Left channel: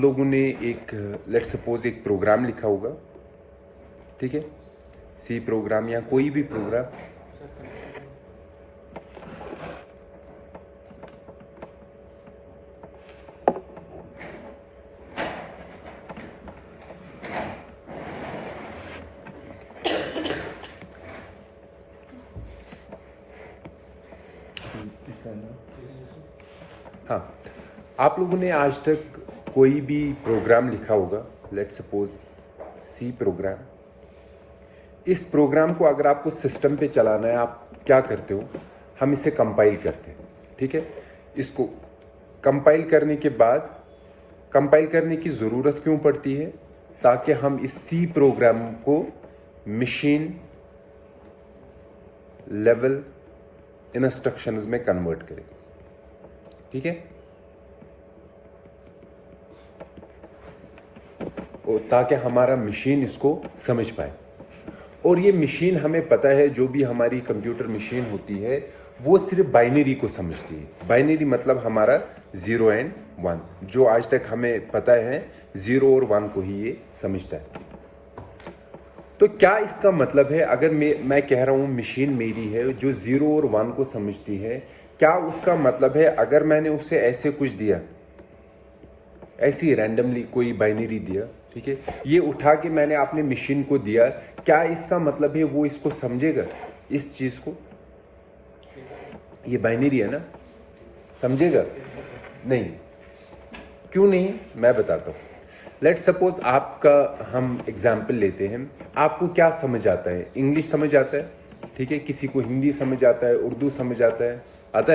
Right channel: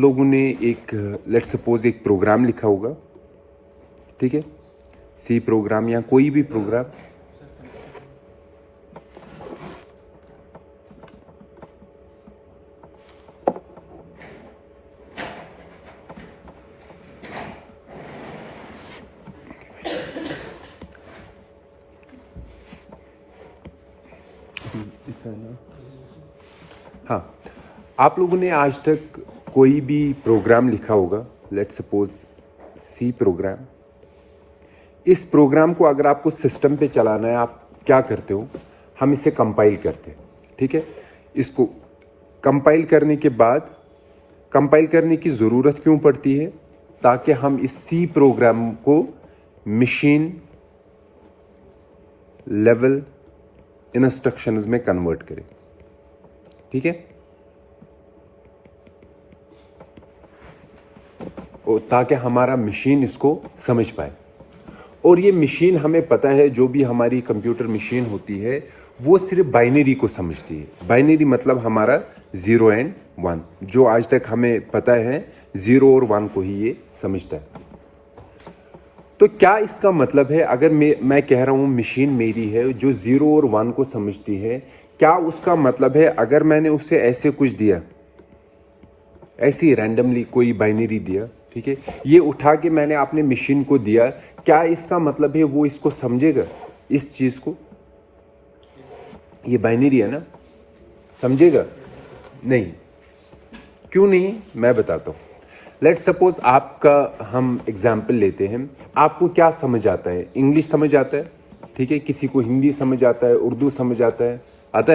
लोगों ने एक लेट्स सपोज एक प्रोग्राम लिखा होगा, ठीक है, सी प्रोग्राम या कोई भी प्रोग्राम। हाँ, आप लोगों ने आज तक कोई भी प्रोग्राम लिखा होगा, लेट्स सपोज सी प्रोग्राम। इस प्रोग्राम को अगर आपको सिस्टम पे चलाना है, आप क्या करते हो? हम इसे कंपाइल करते हैं, ठीक है। इसको कंपाइल करने के बाद, कंपाइल करने की ज़रूरत क्यों पड़ती है? ताकि हम इस सी प्रोग्राम को मशीन लेवल इंस्ट्रक्शंस में कन्वर्ट करें, ठीक है। और ताकि हमारा मशीन इसको समझ पाए। और ये मशीन, हमें पता है, जो भी हमारी कंप्यूटर मशीन होती है वो सिर्फ बाइनरी को समझती है। बाइनरी मतलब हमारा 0 एंड 1, जो आज तक हमें पता है 0 और 1 को ही ये समझता है। तो क्या इसका मतलब है, अगर मैं कह रहा हूं मशीन मेरी है जो 0 और 1 को समझती है, क्या उसका मतलब है अगर मैंने उसे ऐसे कुछ दिया, ऐसी रैंडमली कोई बाइनरी दिया, ठीक है, ये उठा के मैंने अपने मशीन को दिया, क्या इसका मतलब है वो इसको समझेगा? इस चीज को, ये बाइनरी है ना, समझेगा? नहीं। क्यों नहीं? मैं बताता हूं। लेट्स सपोज आपका हम एग्जाम्पल लेते हैं। आपको क्या समझ आता है? इंग्लिश समझ आता है, ठीक है, किसी को हिंदी समझ आता है, उर्दू समझ आता है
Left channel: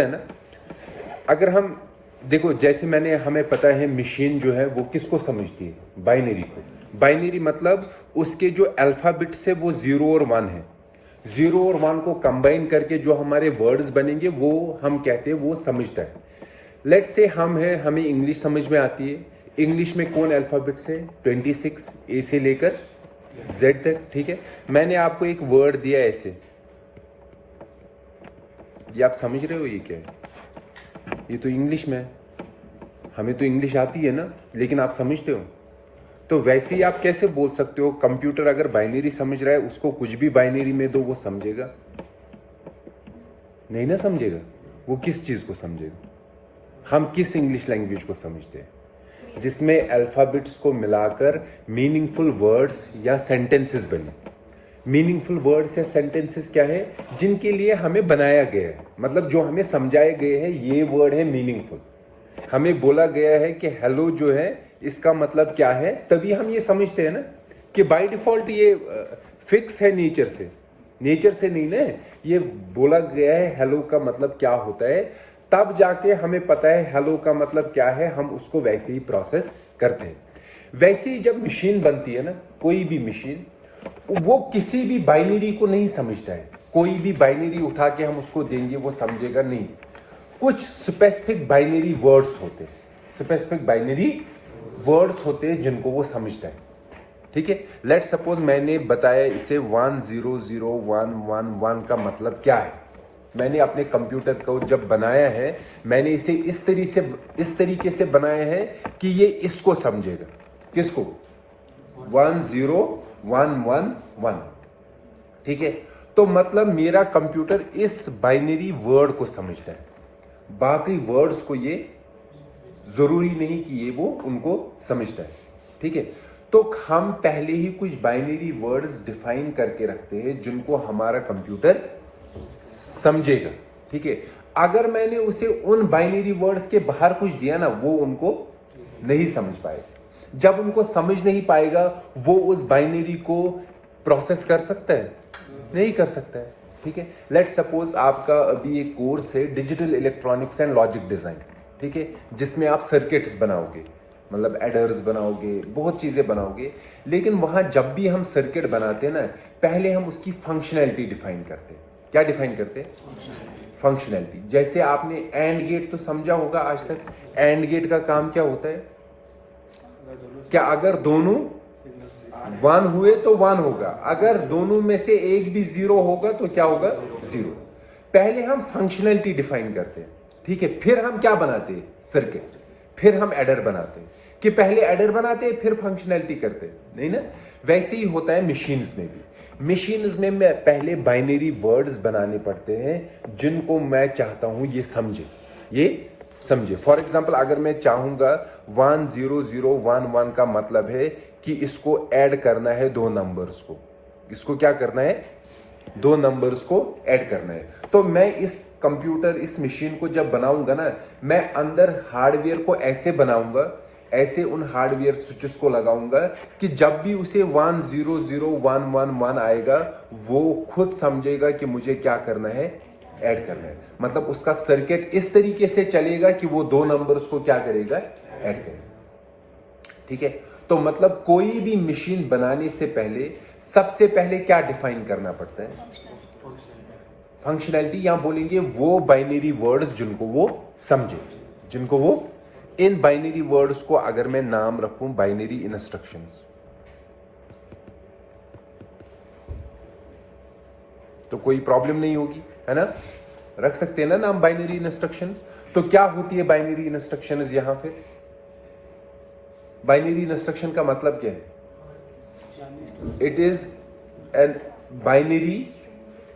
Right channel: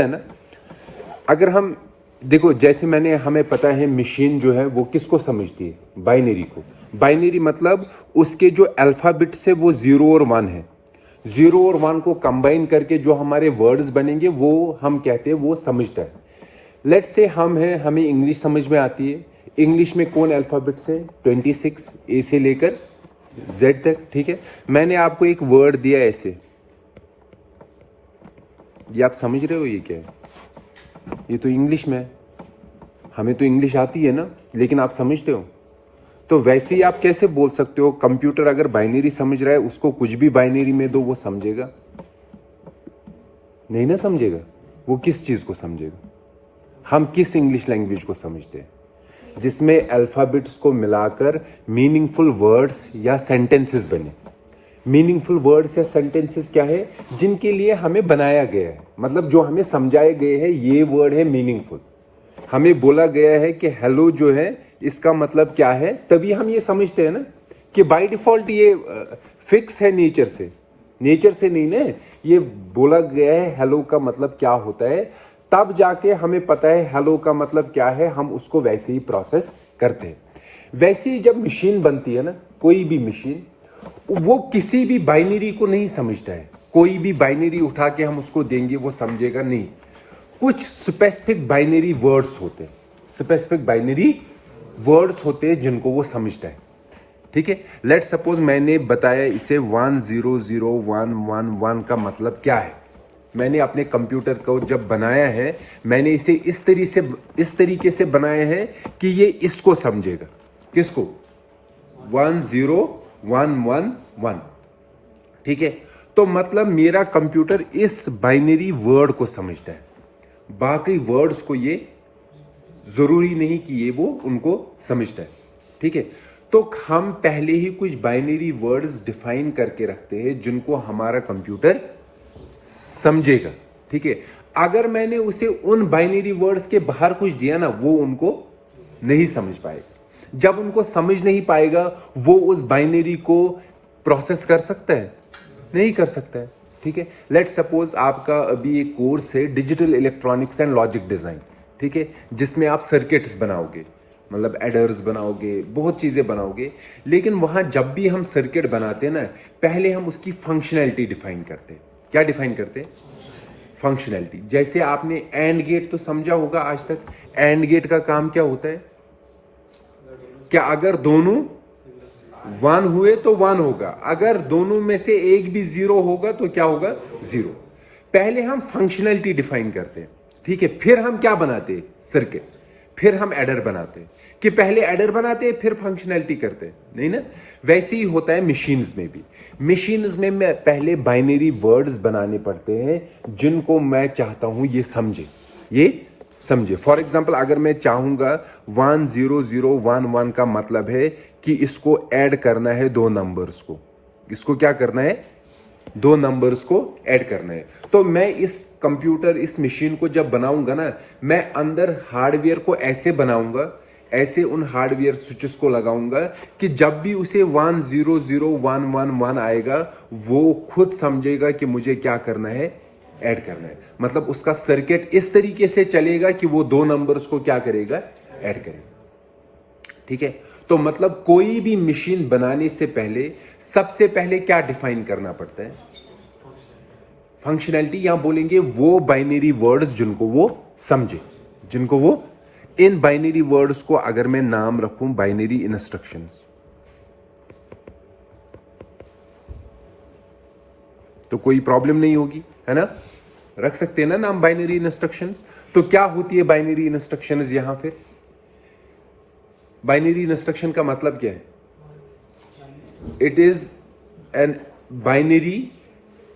ना। अगर हम देखो, जैसे हमें पता है मशीन जो है वो किसको समझती है? बाइनरी को। बाइनरी मतलब उसके जो अल्फाबेट्स है वो 0 और 1 है। 0 और 1 को कंबाइन करके जो हमारे वर्ड्स बनेंगे वो हम कहते हैं वो समझता है। लेट्स से हम हैं, हमें इंग्लिश समझ में आती है। इंग्लिश में कौन अल्फाबेट्स है? 26, ए से लेकर जेड तक, ठीक है। मैंने आपको एक वर्ड दिया ऐसे, ये आप समझ रहे हो ये क्या है? ये तो इंग्लिश में है, हमें तो इंग्लिश आती है ना, लेकिन आप समझते हो। तो वैसे ही आप कैसे बोल सकते हो कंप्यूटर अगर बाइनरी समझ रहा है, उसको कुछ भी बाइनरी में दो, वो समझेगा? नहीं ना समझेगा। वो किस चीज को समझेगा? हम किस इंग्लिश लैंग्वेज को समझते हैं? जिसमें अल्फाबेट्स को मिलाकर मीनिंगफुल वर्ड्स या सेंटेंसेस बने। मीनिंगफुल वर्ड्स या सेंटेंसेस क्या है? जिनके लिए हमें बनाया गया है, मतलब जो हमें समझाए गए हैं, ये वर्ड है मीनिंगफुल। हमें बोला गया है कि हेलो जो है इसका मतलब क्या है, तभी हम ये समझते हैं ना कि बाय डिफॉल्ट ये फिक्स है नेचर से नहीं ना, ये बोला गया है हेलो का मतलब क्या होता है, तब जाके हमें पता है हेलो का मतलब क्या है, हम उसको वैसे ही प्रोसेस करते हैं। वैसे ही जब मशीन बनती है ना, कोई भी मशीन, वो किसी भी बाइनरी को नहीं समझता है। कोई भी बाइनरी उठा के हम उसको देंगे वो समझेगा नहीं। कुछ स्पेसिफिक बाइनरी वर्ड्स होते हैं, स्पेसिफिक बाइनरी वर्ड्स होते हैं जिनको वो समझता है, ठीक है। लेट्स सपोज मैंने बताया इसे 100111 का मतलब क्या है। मैंने अपने कंप्यूटर को जब बनाया है, मैंने इसे इस तरीके से बनाया है कि ये इसको समझेगा। किसको? 10111, ठीक है। तो मतलब मेरा कंप्यूटर इस बाइनरी वर्ड को समझता है, बाकी वर्ड्स को ये जरूरी नहीं कि ये वो उनको समझता है, ठीक है। तो हम पहले ही कुछ बाइनरी वर्ड्स डिफाइन करके रखते हैं जिनको हमारा कंप्यूटर समझेगा, ठीक है। अगर मैंने उसे उन बाइनरी वर्ड्स के बाहर कुछ दिया ना, वो उनको नहीं समझ पाएगा। जब उनको समझ नहीं पाएगा, वो उस बाइनरी को प्रोसेस कर सकता है? नहीं कर सकता है, ठीक है। लेट्स सपोज आपका अभी एक कोर्स है digital electronics and logic design, ठीक है, जिसमें आप सर्किट्स बनाओगे, मतलब एडर्स बनाओगे, बहुत चीजें बनाओगे। लेकिन वहां जब भी हम सर्किट बनाते हैं ना, पहले हम उसकी फंक्शनैलिटी डिफाइन करते हैं। क्या डिफाइन करते हैं? फंक्शनैलिटी। जैसे आपने एंड गेट तो समझा होगा आज तक। एंड गेट का काम क्या होता है? क्या अगर दोनों 1 हुए तो 1 होगा, अगर दोनों में से एक भी 0 होगा तो क्या होगा? 0। पहले हम फंक्शनैलिटी डिफाइन करते हैं, ठीक है, फिर हम क्या बनाते हैं? सर्किट। फिर हम एडर बनाते हैं, कि पहले एडर बनाते हैं फिर फंक्शनैलिटी करते हैं, नहीं ना। वैसे ही होता है मशीन्स में भी। मशीन्स में मैं पहले बाइनरी वर्ड्स बनाने पड़ते हैं जिनको मैं चाहता हूं ये समझे। फॉर एग्जाम्पल अगर मैं चाहूंगा 10011 का मतलब है कि इसको ऐड करना है दो नंबर्स को, इसको क्या करना है, दो नंबर्स को ऐड करना है। तो मैं इस कंप्यूटर, इस मशीन को जब बनाऊंगा ना, मैं अंदर हार्डवेयर को ऐसे बनाऊंगा, ऐसे उन हार्डवेयर स्विचेस को लगाऊंगा कि जब भी उसे 100111 आएगा वो खुद समझेगा कि मुझे क्या करना है, ऐड करना है। मतलब उसका सर्किट इस तरीके से चलेगा कि वो दो नंबर्स को क्या करेगा, ऐड करेगा। ठीक है, तो मतलब कोई भी मशीन बनाने से पहले सबसे पहले क्या डिफाइन करना पड़ता है, फंक्शनैलिटी, या बोलेंगे वो बाइनरी वर्ड्स जिनको वो समझे, जिनको वो, इन बाइनरी वर्ड्स को अगर मैं नाम रखूं बाइनरी इंस्ट्रक्शंस, तो कोई प्रॉब्लम नहीं होगी, है ना। रख सकते हैं ना नाम बाइनरी इंस्ट्रक्शंस। तो क्या होती है बाइनरी इंस्ट्रक्शंस यहां फिर, बाइनरी इंस्ट्रक्शन का मतलब क्या है, it is an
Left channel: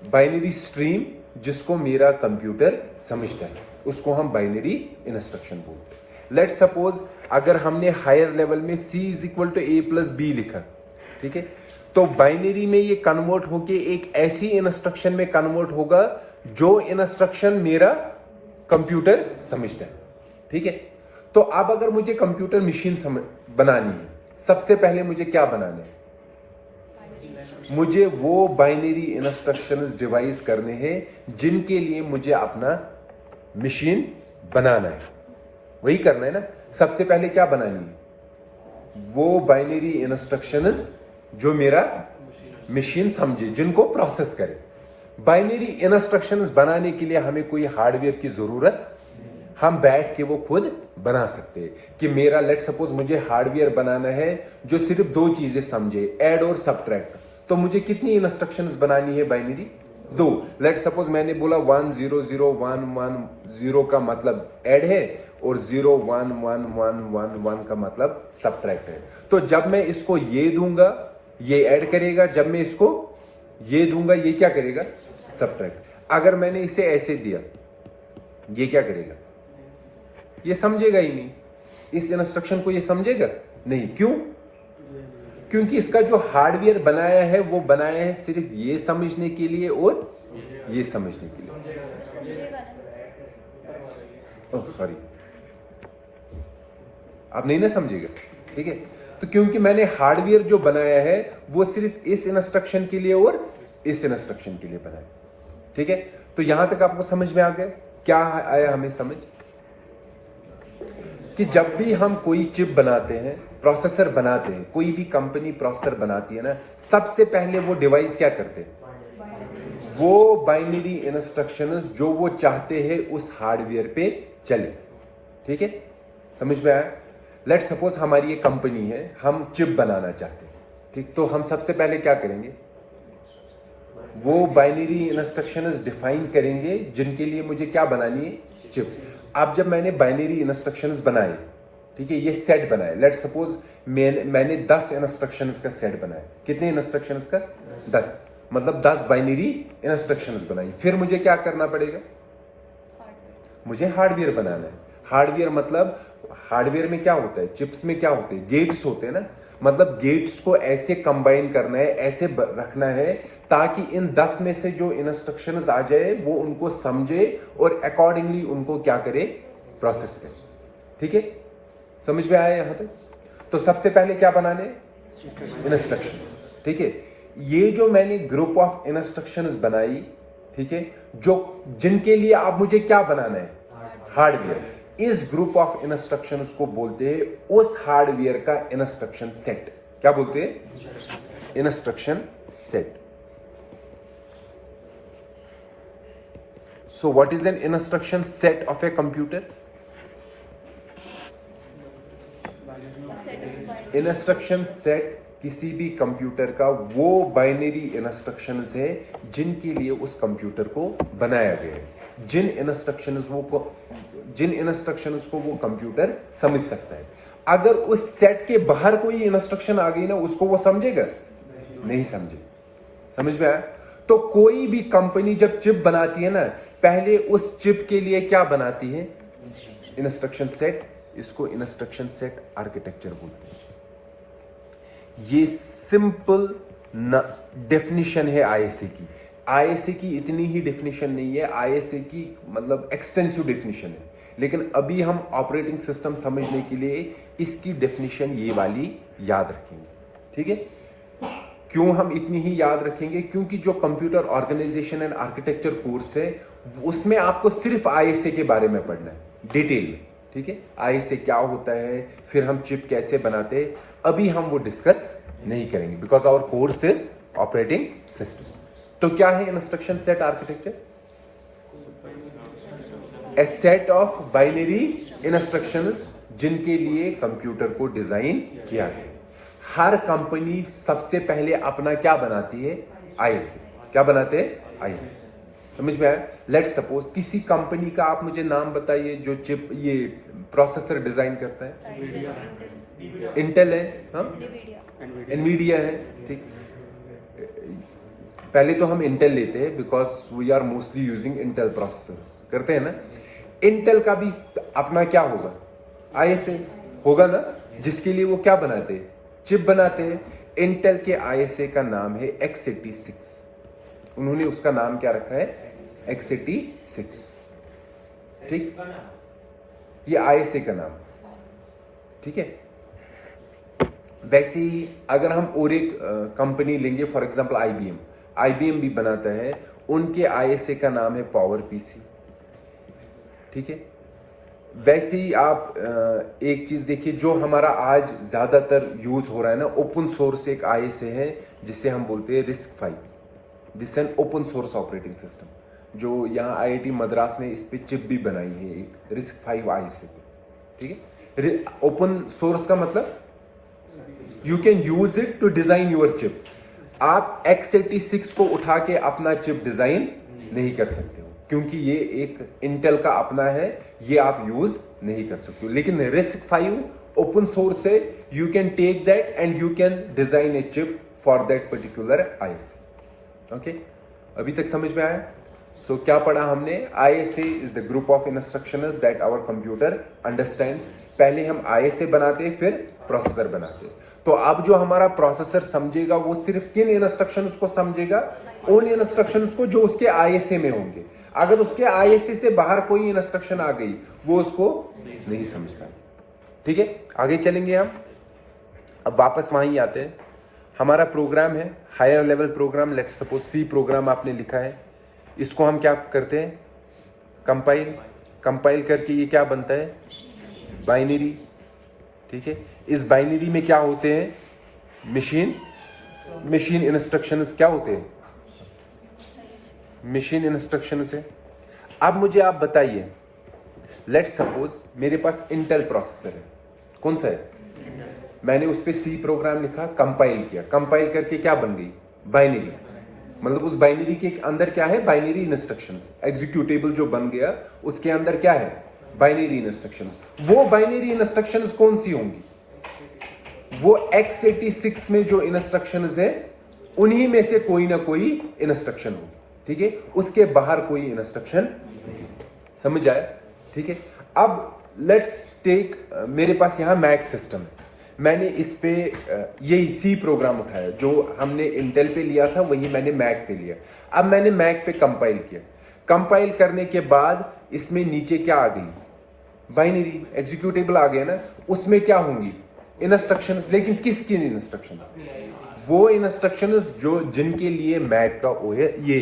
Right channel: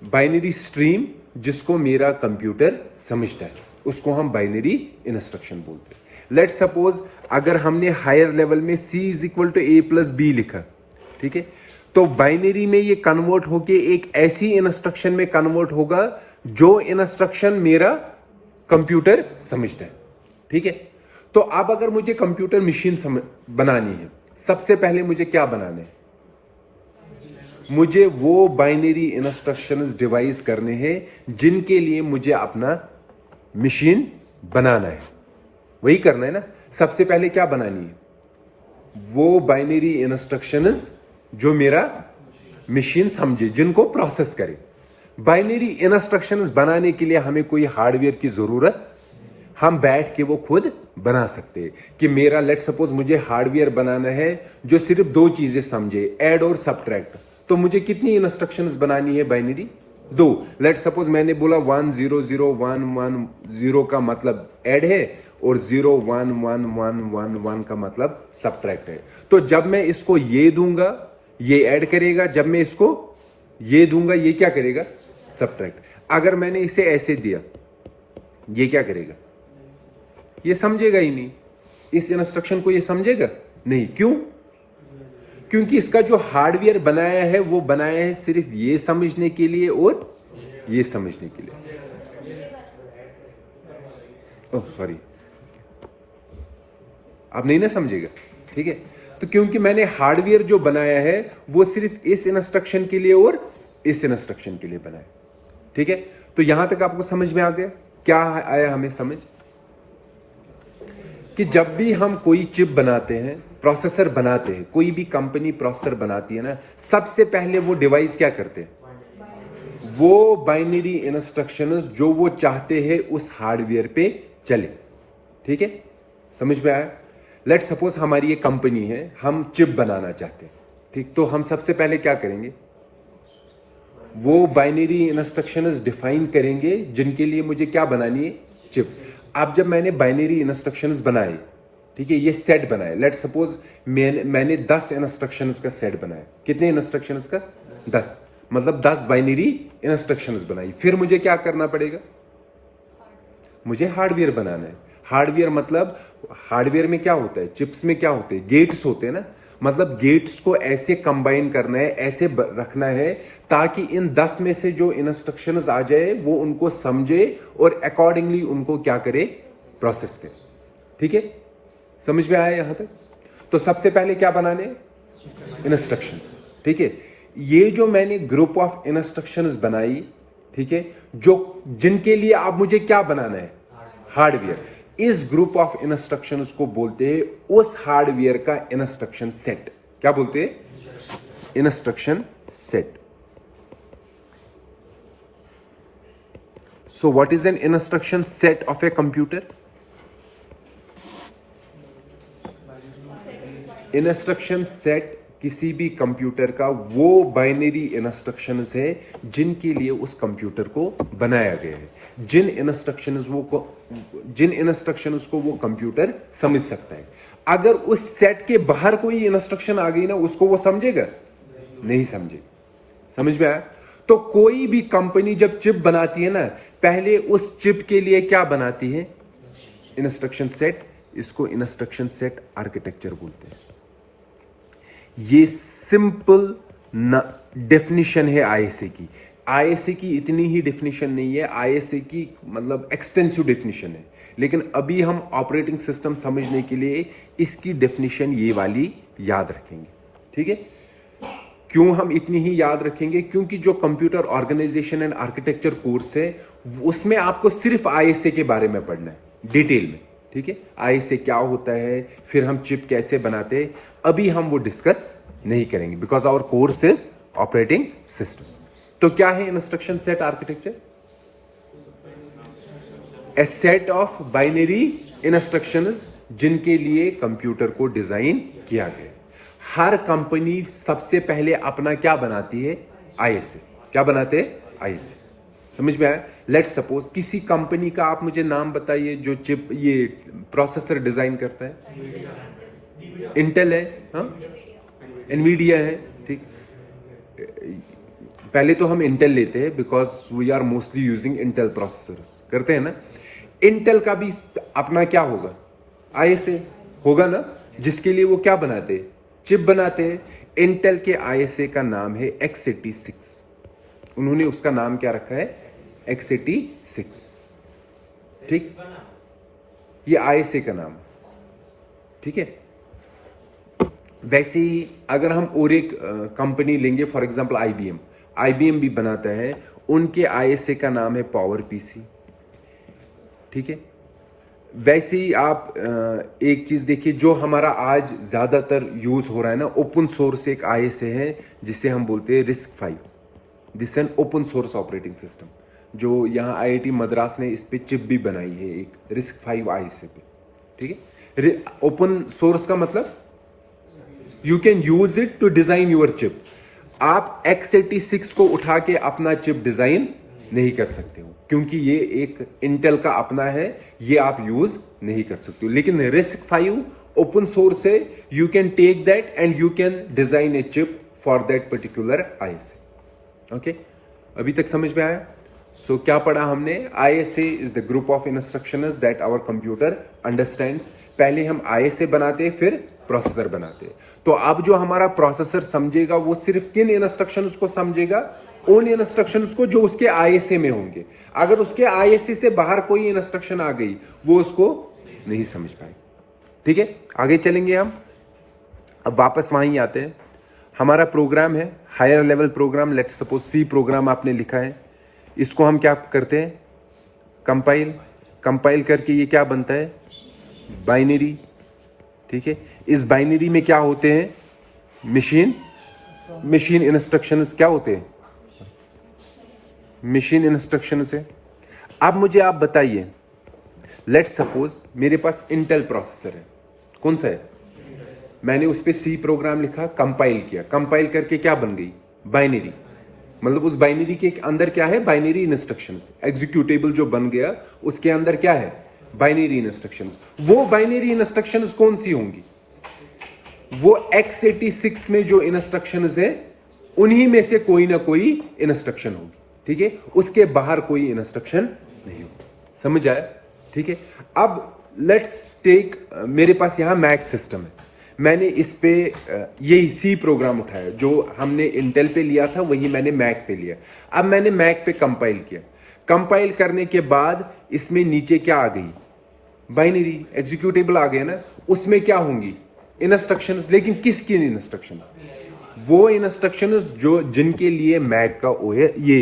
binary stream जिसको मेरा कंप्यूटर समझता है, उसको हम बाइनरी इंस्ट्रक्शन बोलते हैं। लेट सपोज अगर हमने हायर लेवल में C = A+B लिखा, ठीक है, तो बाइनरी में ये कन्वर्ट होके एक ऐसी इंस्ट्रक्शन में कन्वर्ट होगा जो इंस्ट्रक्शन मेरा कंप्यूटर समझता है। ठीक है, तो अब अगर मुझे कंप्यूटर मशीन बनानी है, सबसे पहले मुझे क्या बनाना है, मुझे वो बाइनरी इंस्ट्रक्शंस डिवाइस करने हैं जिनके लिए मुझे अपना मशीन बनाना है। वही करना है ना, सबसे पहले क्या बनानी है, वो बाइनरी इंस्ट्रक्शंस जो मेरा मशीन समझे, जिनको प्रोसेस करे। बाइनरी इंस्ट्रक्शंस बनाने के लिए हमें कोई हार्डवेयर की जरूरत, हम बैठ के वो खुद बना सकते हैं। कि मेरा लेट सपोज मुझे हार्डवेयर बनाना है जो सिर्फ दो चीजें समझे, ऐड और सबट्रैक्ट, तो मुझे कितनी इंस्ट्रक्शंस बनानी है बाइनरी, दो। लेट सपोज मैंने बोला 100110 का मतलब ऐड है और 011111 का मतलब सबट्रैक्ट है। तो जब मैं इसको ये दूंगा ये ऐड करेगा, जब मैं इसको ये दूंगा ये क्या करेगा, सबट्रैक्ट। अगर मैंने इसे ऐसे दिया ये क्या करेगा, ये समझेगा ही नहीं, इस इंस्ट्रक्शन को ये समझेगा नहीं। क्यों, क्योंकि इसका जो हार्डवेयर बनाया है वो बनाया है सिर्फ ये समझने के लिए और ये समझने के लिए। ओह सॉरी, आप नहीं ना समझेगा, ठीक है। तो क्योंकि मैंने हार्डवेयर जो बनाया है वो सिर्फ इस इंस्ट्रक्शन के लिए और इस इंस्ट्रक्शन के लिए बनाया, ठीक है। तो यहां तक आपको समझ में आ गया, क्या आया हमें समझ, कि जब भी हम कोई चिप बनाते हैं, प्रोसेसर बनाते हैं, कोई भी कंपनी प्रोसेसर बनाती है ना, सबसे पहले वो डिवाइस क्या करते हैं, वो बाइनरी इंस्ट्रक्शंस जो वो चाहते हैं उस हार्डवेयर पे चले। ठीक है, समझ में आया। लेट सपोज हमारी ये कंपनी है, हम चिप बनाना चाहते हैं, ठीक। तो हम सबसे पहले क्या करेंगे, वो बाइनरी इंस्ट्रक्शंस डिफाइन करेंगे जिनके लिए मुझे क्या बनानी है, चिप। अब जब मैंने बाइनरी इंस्ट्रक्शंस बनाए, ठीक है, ये सेट बनाए, लेट सपोज मैंने 10 इंस्ट्रक्शंस का सेट बनाया। कितने इंस्ट्रक्शंस का, 10, मतलब 10 बाइनरी इंस्ट्रक्शंस बनाई। फिर मुझे क्या करना पड़ेगा, मुझे हार्डवेयर बनाना है। हार्डवेयर मतलब हार्डवेयर में क्या होता है, चिप्स में क्या होते हैं, गेट्स होते हैं ना। मतलब गेट्स को ऐसे कंबाइन करना है, ऐसे रखना है ताकि इन 10 में से जो इंस्ट्रक्शंस आ जाए वो उनको समझे और अकॉर्डिंगली उनको क्या करे, प्रोसेस करे। ठीक है, समझ में आया यहां तक। तो सबसे पहले क्या बनाने, इंस्ट्रक्शंस। ठीक है, ये जो मैंने ग्रुप ऑफ इंस्ट्रक्शंस बनाई, ठीक है, जो जिनके लिए अब मुझे क्या बनाना है, हार्डवेयर। इस ग्रुप ऑफ इंस्ट्रक्शंस को बोलते हैं उस हार्डवेयर का इंस्ट्रक्शन सेट। क्या बोलते हैं, instruction set. So what is an instruction set of a computer, instruction set किसी भी कंप्यूटर का वो बाइनरी इंस्ट्रक्शंस है जिनके लिए उस कंप्यूटर को बनाया गया है। जिन इंस्ट्रक्शंस को वो कंप्यूटर समझ सकता है। अगर उस सेट के बाहर कोई इंस्ट्रक्शन आ गई ना, उसको वो समझेगा नहीं समझे। समझ में आया? तो कोई भी कंपनी जब चिप बनाती है ना, पहले उस चिप के लिए क्या बनाती है? Instruction set. इसको इंस्ट्रक्शन सेट आर्किटेक्चर बोलते हैं। ये सिंपल डेफिनेशन है आईएसए की। आईएसए की इतनी ही डेफिनेशन नहीं है, आईएसए की मतलब एक्सटेंसिव डेफिनेशन है, लेकिन अभी हम ऑपरेटिंग सिस्टम समझने के लिए इसकी डेफिनेशन ये वाली याद रखेंगे। ठीक है? क्यों हम इतनी ही याद रखेंगे? क्योंकि जो computer organisation and architecture course है उसमें आपको सिर्फ आईएसए के बारे में पढ़ना है डिटेल में। ठीक है? आईएसए क्या होता है, फिर हम चिप कैसे बनाते हैं, अभी हम वो डिस्कस नहीं करेंगे because our course is operating system. तो क्या है instruction set architecture? A set of binary instructions जिनके लिए कंप्यूटर को डिजाइन किया गया। हर कंपनी सबसे पहले अपना क्या बनाती है? आईएसए। क्या बनाते हैं? आईएसए। समझ में आया? लेट्स सपोज किसी कंपनी का आप मुझे नाम बताइए जो चिप ये प्रोसेसर डिजाइन करता है। इंटेल है, हाँ, एनवीडिया है। ठीक, पहले तो हम इंटेल लेते हैं because we are mostly using Intel processors, करते हैं ना। इंटेल का भी अपना क्या होगा? आईएसए होगा ना, जिसके लिए वो क्या बनाते हैं? चिप बनाते हैं। इंटेल के आईएसए का नाम है x86। उन्होंने उसका नाम क्या रखा है? x86। ठीक, ये आईएसए का नाम। ठीक है? वैसे ही अगर हम और एक कंपनी लेंगे, फॉर एग्जांपल आईबीएम भी बनाता है, उनके आईएसए का नाम है पावर पीसी। ठीक है? वैसे ही आप एक चीज देखिए जो हमारा आज ज्यादातर यूज हो रहा है ना, ओपन सोर्स एक आईएसए है जिसे हम बोलते हैं RISC-V। This an open source operating system, जो यहाँ आईआईटी मद्रास ने इस पे चिप भी बनाई है एक RISC-V आईएसए पे। ठीक है? ओपन सोर्स का मतलब you can use it to design your chip. आप x86 को उठा के अपना चिप डिजाइन नहीं कर सकते हो क्योंकि ये एक इंटेल का अपना है, ये आप यूज नहीं कर सकते हो। लेकिन RISC-V ओपन सोर्स है, you can take that and you can design a chip for that particular ISA. Okay, अभी तक समझ में आया? सो क्या पढ़ा हमने? ISA is the group of instructions that our computer understands. पहले हम आईएसए बनाते हैं, फिर प्रोसेसर बनाते हैं। तो अब जो हमारा प्रोसेसर समझेगा वो सिर्फ किन इंस्ट्रक्शंस को समझेगा? उन इंस्ट्रक्शंस को जो उसके आईएसए में होंगे। अगर उसके आईएसए से बाहर कोई इंस्ट्रक्शन आ गई वो उसको नहीं समझ पाएगी। ठीक है, आगे चलेंगे हम। अब वापस वहीं आते हैं। हमारा प्रोग्राम है higher level program, let's suppose C program आपने लिखा है। इसको हम क्या करते हैं? कंपाइल करके ये क्या बनता है? बाइनरी। ठीक है, इस बाइनरी में क्या होते हैं? मशीन इंस्ट्रक्शंस क्या होते हैं? मशीन इंस्ट्रक्शंस है। अब मुझे आप बताइए, लेट्स सपोज मेरे पास इंटेल प्रोसेसर है। कौन सा है? मैंने उस पर सी प्रोग्राम लिखा, कंपाइल किया। कंपाइल करके क्या बन गई? बाइनरी। मतलब उस बाइनरी के अंदर क्या है? Binary instructions. एग्जीक्यूटेबल जो बन गया उसके अंदर क्या है? Binary instructions. वो बाइनरी इंस्ट्रक्शंस कौन सी होंगी? वो x86 में जो इंस्ट्रक्शंस है उन्हीं में से कोई ना कोई इंस्ट्रक्शन होगी। ठीक है, उसके बाहर कोई इंस्ट्रक्शन नहीं। समझ आया? ठीक है, अब लेट्स टेक, मेरे पास यहां मैक सिस्टम है। मैंने इस पे यही सी प्रोग्राम उठाया, जो हमने इंटेल पे लिया था वही मैंने मैक पे लिया। अब मैंने मैक पे कंपाइल किया। कंपाइल करने के बाद इसमें नीचे क्या आ गई? बाइनरी एग्जीक्यूटेबल आ गया ना। उसमें क्या होंगी? इंस्ट्रक्शंस। लेकिन किसकी इंस्ट्रक्शंस? वो इंस्ट्रक्शंस जो जिनके लिए मैक का ये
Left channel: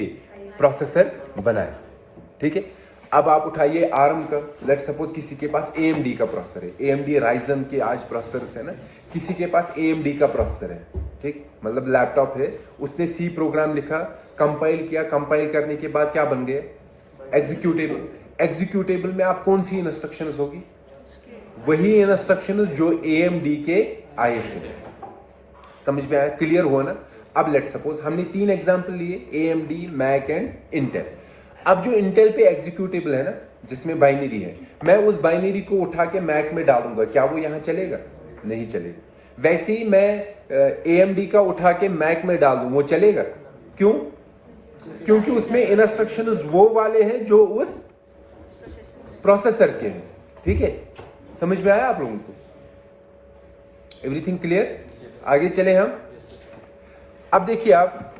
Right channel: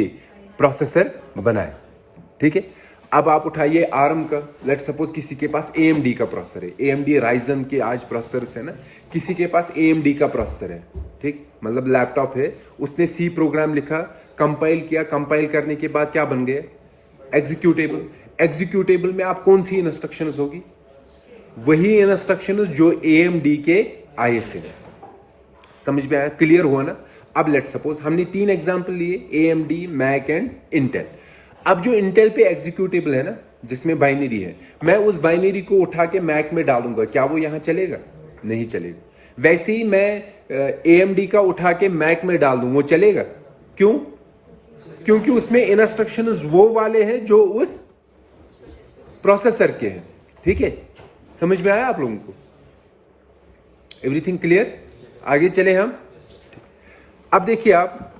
प्रोसेसर बना है। ठीक है, अब आप उठाइए आर्म का। लेट सपोज किसी के पास AMD का प्रोसेसर है, AMD राइजन के आज प्रोसेसर है ना, किसी के पास AMD का प्रोसेसर है। ठीक, मतलब लैपटॉप है, उसने सी प्रोग्राम लिखा, कंपाइल किया। कंपाइल करने के बाद क्या बन गए? एग्जीक्यूटेबल। एग्जीक्यूटेबल में आप कौन सी इंस्ट्रक्शंस होगी? वही इंस्ट्रक्शंस जो AMD के आईएसए में। समझ में आया? क्लियर हुआ ना? अब लेट सपोज हमने 3 एग्जांपल लिए, AMD, मैक एंड इंटेल। अब जो इंटेल पे एग्जीक्यूटेबल है ना, जिसमें बाइनरी है, मैं उस बाइनरी को उठा के मैक में डालूंगा, क्या वो यहां चलेगा? नहीं चलेगा। वैसे ही मैं AMD का उठा के मैक में डाल दूं, वो चलेगा? क्यों? क्योंकि उसमें इंस्ट्रक्शंस वो वाले हैं जो उस प्रोसेसर के हैं। ठीक है, समझ में आया आप लोगों को? Everything clear? आगे चले हम। अब देखिए आप,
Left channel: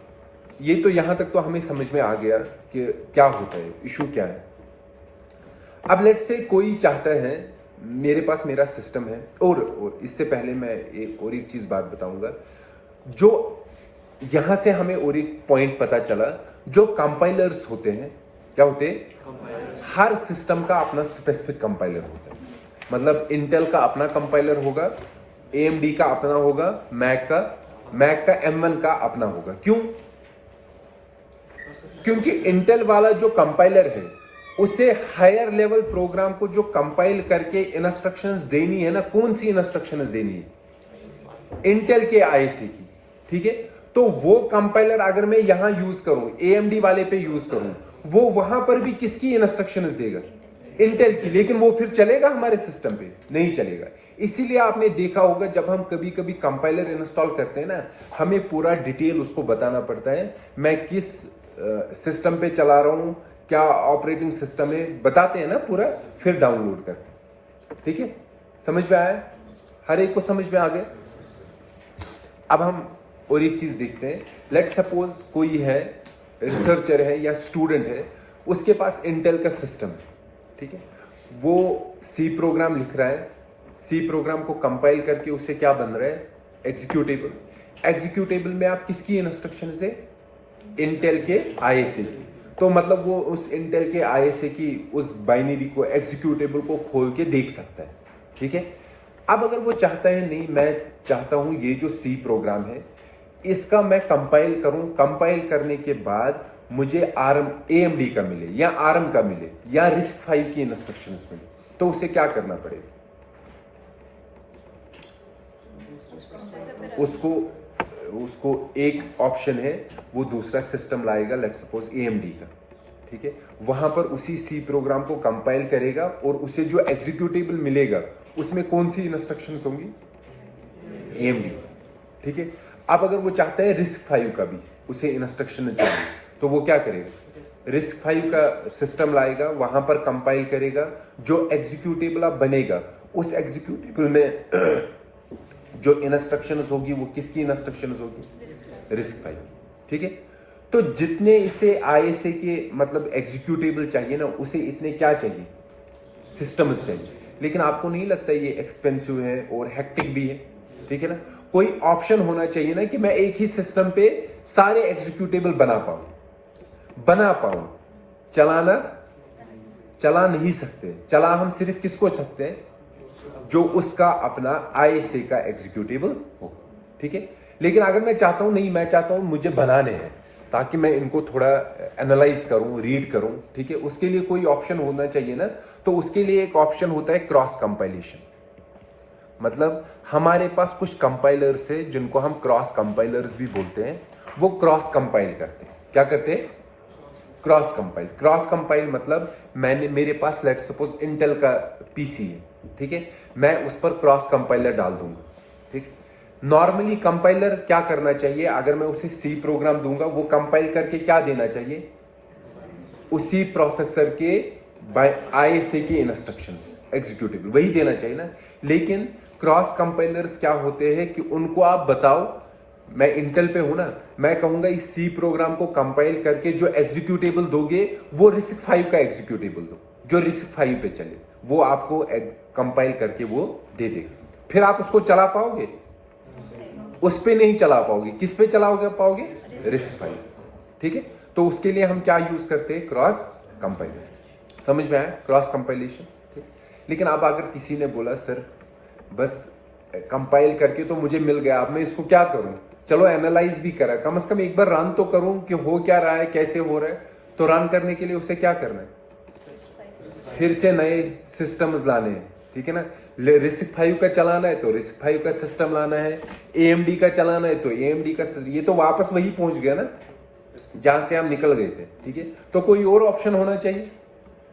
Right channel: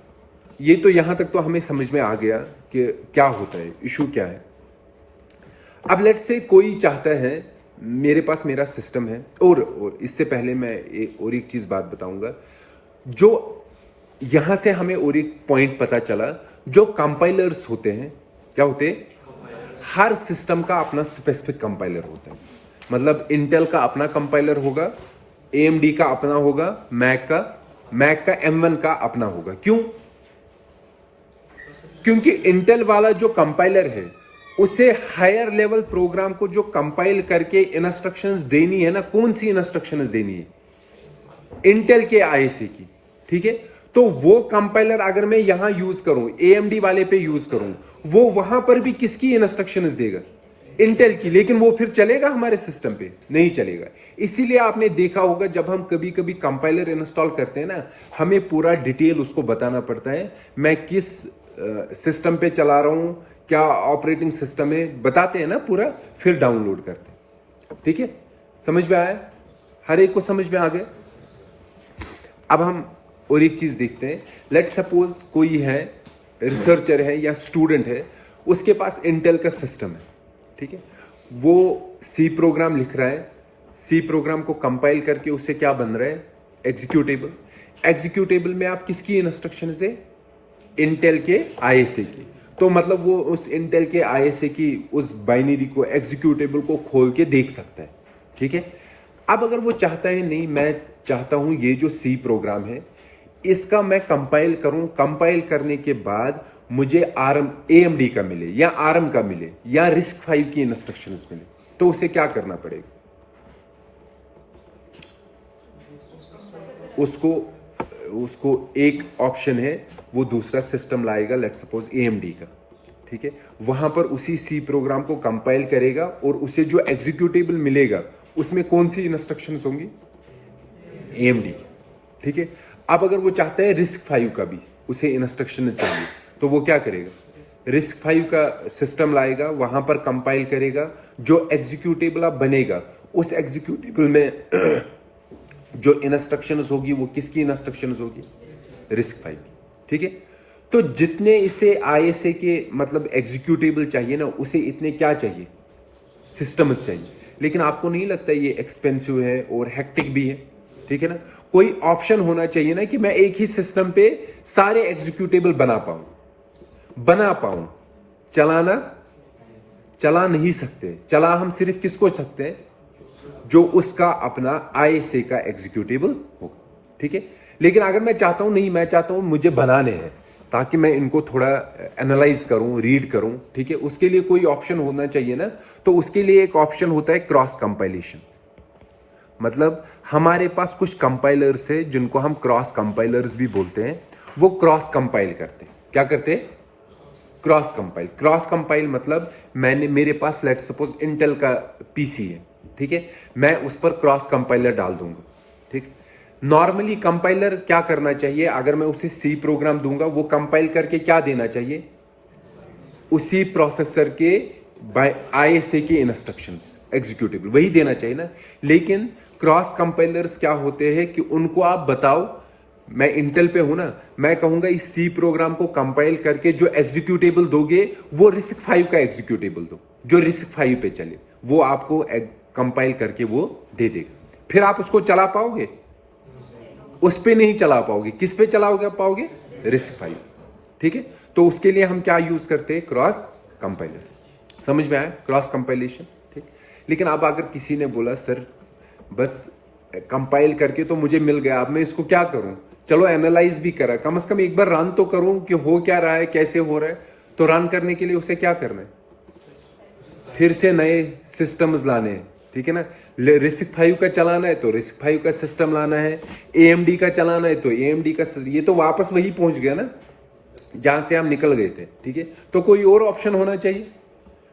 ये तो यहां तक तो हमें समझ में आ गया कि क्या होता है, इशू क्या है। अब लेट्स से कोई चाहता है, मेरे पास मेरा सिस्टम है, और इससे पहले मैं एक चीज बात बताऊंगा, जो यहां से हमें और एक पॉइंट पता चला, जो कंपाइलर्स होते हैं, क्या होते हैं? हर सिस्टम का अपना स्पेसिफिक कंपाइलर होता है। मतलब इंटेल का अपना कंपाइलर होगा, AMD का अपना होगा, मैक का M1 का अपना होगा। क्यों? क्योंकि इंटेल वाला जो कंपाइलर है, उसे हायर लेवल प्रोग्राम को जो कंपाइल करके इंस्ट्रक्शंस देनी है ना, कौन सी इंस्ट्रक्शंस देनी है? इंटेल के ISA की। ठीक है, तो वो कंपाइलर अगर मैं यहां यूज करूं, AMD वाले पे यूज करूं, वो वहां पर भी किसकी इंस्ट्रक्शंस देगा? इंटेल की। लेकिन वो फिर चलेगा हमारे सिस्टम पे? नहीं चलेगा। इसीलिए आपने देखा होगा, जब हम कभी कभी कंपाइलर इंस्टॉल करते हैं ना, हमें पूरा डिटेल उसको बताना पड़ता है, मैं किस सिस्टम पे चला रहा हूं, क्या ऑपरेटिंग सिस्टम है, बताते हैं ना पूरा, फिर डाउनलोड करते हैं। ठीक है, समझ में आया? हर एक को समझ में आ गया? अब हम और एक चीज देखते हैं। लेट सपोज कोई है, रिसर्चर है या स्टूडेंट है, उसके पास इंटेल का सिस्टम है। ठीक है, वो सी प्रोग्राम लिख रहा है, सी प्रोग्राम को कंपाइल करके उससे क्या बन रहा है? एग्जीक्यूटेबल। एग्जीक्यूटेबल में आप किसकी इंस्ट्रक्शन से? इंटेल के ISA की। तो मतलब वो उस इंटेल के ISA की उस बाइनरी को, एग्जीक्यूटेबल को खोल के देख सकता है। ठीक है, अब अगर वो चाहता है, नहीं मैं चाहता हूं ये जो सी प्रोग्राम है, इसका मैं कंपाइल करूं, कंपाइल करने के बाद मुझे AMD का मिले या ARM का मिले या RISC-V की इंस्ट्रक्शंस मिले, तो उसे क्या करना पड़ेगा? उसको एक ऑप्शन है, वो दूसरा सिस्टम लाएगा, लेट्स सपोज AMD का। ठीक है, वहां पर उसी सी प्रोग्राम को कंपाइल करेगा, और उसे जो एग्जीक्यूटेबल मिलेगा उसमें कौन सी इंस्ट्रक्शंस होंगी? AMD। ठीक है, अब अगर वो चाहता है RISC-V का भी उसे इंस्ट्रक्शन चाहिए, तो वो क्या करेगा? RISC-V का सिस्टम लाएगा, वहां पर कंपाइल करेगा, जो एग्जीक्यूटेबल अब बनेगा, उस एग्जीक्यूटेबल में जो इंस्ट्रक्शंस होगी वो किसकी इंस्ट्रक्शंस होगी? RISC-V की। ठीक है, तो जितने इसे ISA के मतलब एग्जीक्यूटेबल चाहिए ना, उसे इतने क्या चाहिए? सिस्टम्स चाहिए। लेकिन आपको नहीं लगता ये एक्सपेंसिव है और हेक्टिक भी है? ठीक है ना, कोई ऑप्शन होना चाहिए ना कि मैं एक ही सिस्टम पे सारे एग्जीक्यूटेबल बना पाऊं। चला नहीं सकते। चला हम सिर्फ किसको सकते हैं? जो उसका अपना ISA का एग्जीक्यूटेबल हो। ठीक है, लेकिन अगर मैं चाहता हूं, नहीं मैं चाहता हूं मुझे बनाने हैं, ताकि मैं इनको थोड़ा एनालाइज करूं, रीड करूं, ठीक है, उसके लिए कोई ऑप्शन होना चाहिए ना। तो उसके लिए एक ऑप्शन होता है क्रॉस कंपाइलेशन। मतलब हमारे पास कुछ कंपाइलर्स है जिनको हम क्रॉस कंपाइलर्स भी बोलते हैं, वो क्रॉस कंपाइल करते हैं। क्या करते हैं? क्रॉस कंपाइल मतलब मेरे पास लेट्स सपोज इंटेल का PC है, ठीक है, मैं उस पर क्रॉस कंपाइलर डाल दूंगा। ठीक, नॉर्मली कंपाइलर क्या करना चाहिए? अगर मैं उसे सी प्रोग्राम दूंगा, वो कंपाइल करके क्या देना चाहिए? उसी प्रोसेसर के ISA के इंस्ट्रक्शंस, एग्जीक्यूटेबल वही देना चाहिए ना। लेकिन क्रॉस कंपाइलर्स क्या होते हैं कि उनको आप बताओ, मैं इंटेल पे हूं ना, मैं कहूंगा इस सी प्रोग्राम को कंपाइल करके जो एग्जीक्यूटेबल दोगे वो RISC-V का एग्जीक्यूटेबल दो, जो RISC-V पे चले, वो आपको कंपाइल करके वो दे देगा। फिर आप उसको चला पाओगे? उस पे नहीं चला पाओगे। किस पे चलाओगे पाओगे? RISC-V। ठीक है, तो उसके लिए हम क्या यूज करते हैं? Cross compilers. समझ में आया? Cross compilation. ठीक, लेकिन अब अगर किसी ने बोला सर बस कंपाइल करके तो मुझे मिल गया, अब मैं इसको क्या करूं? चलो एनालाइज भी करा, कम से कम एक बार रन तो करूं कि हो क्या रहा है, कैसे हो रहा है। तो रन करने के लिए उसे क्या करना है? फिर से नए सिस्टम्स लाने हैं। ठीक है ना, RISC-V का चलाना है तो RISC-V का सिस्टम लाना है, AMD का चलाना है तो AMD का। ये तो वापस वही पहुंच गया ना, जहां से हम निकल गए थे, ठीक है। तो कोई और ऑप्शन होना चाहिए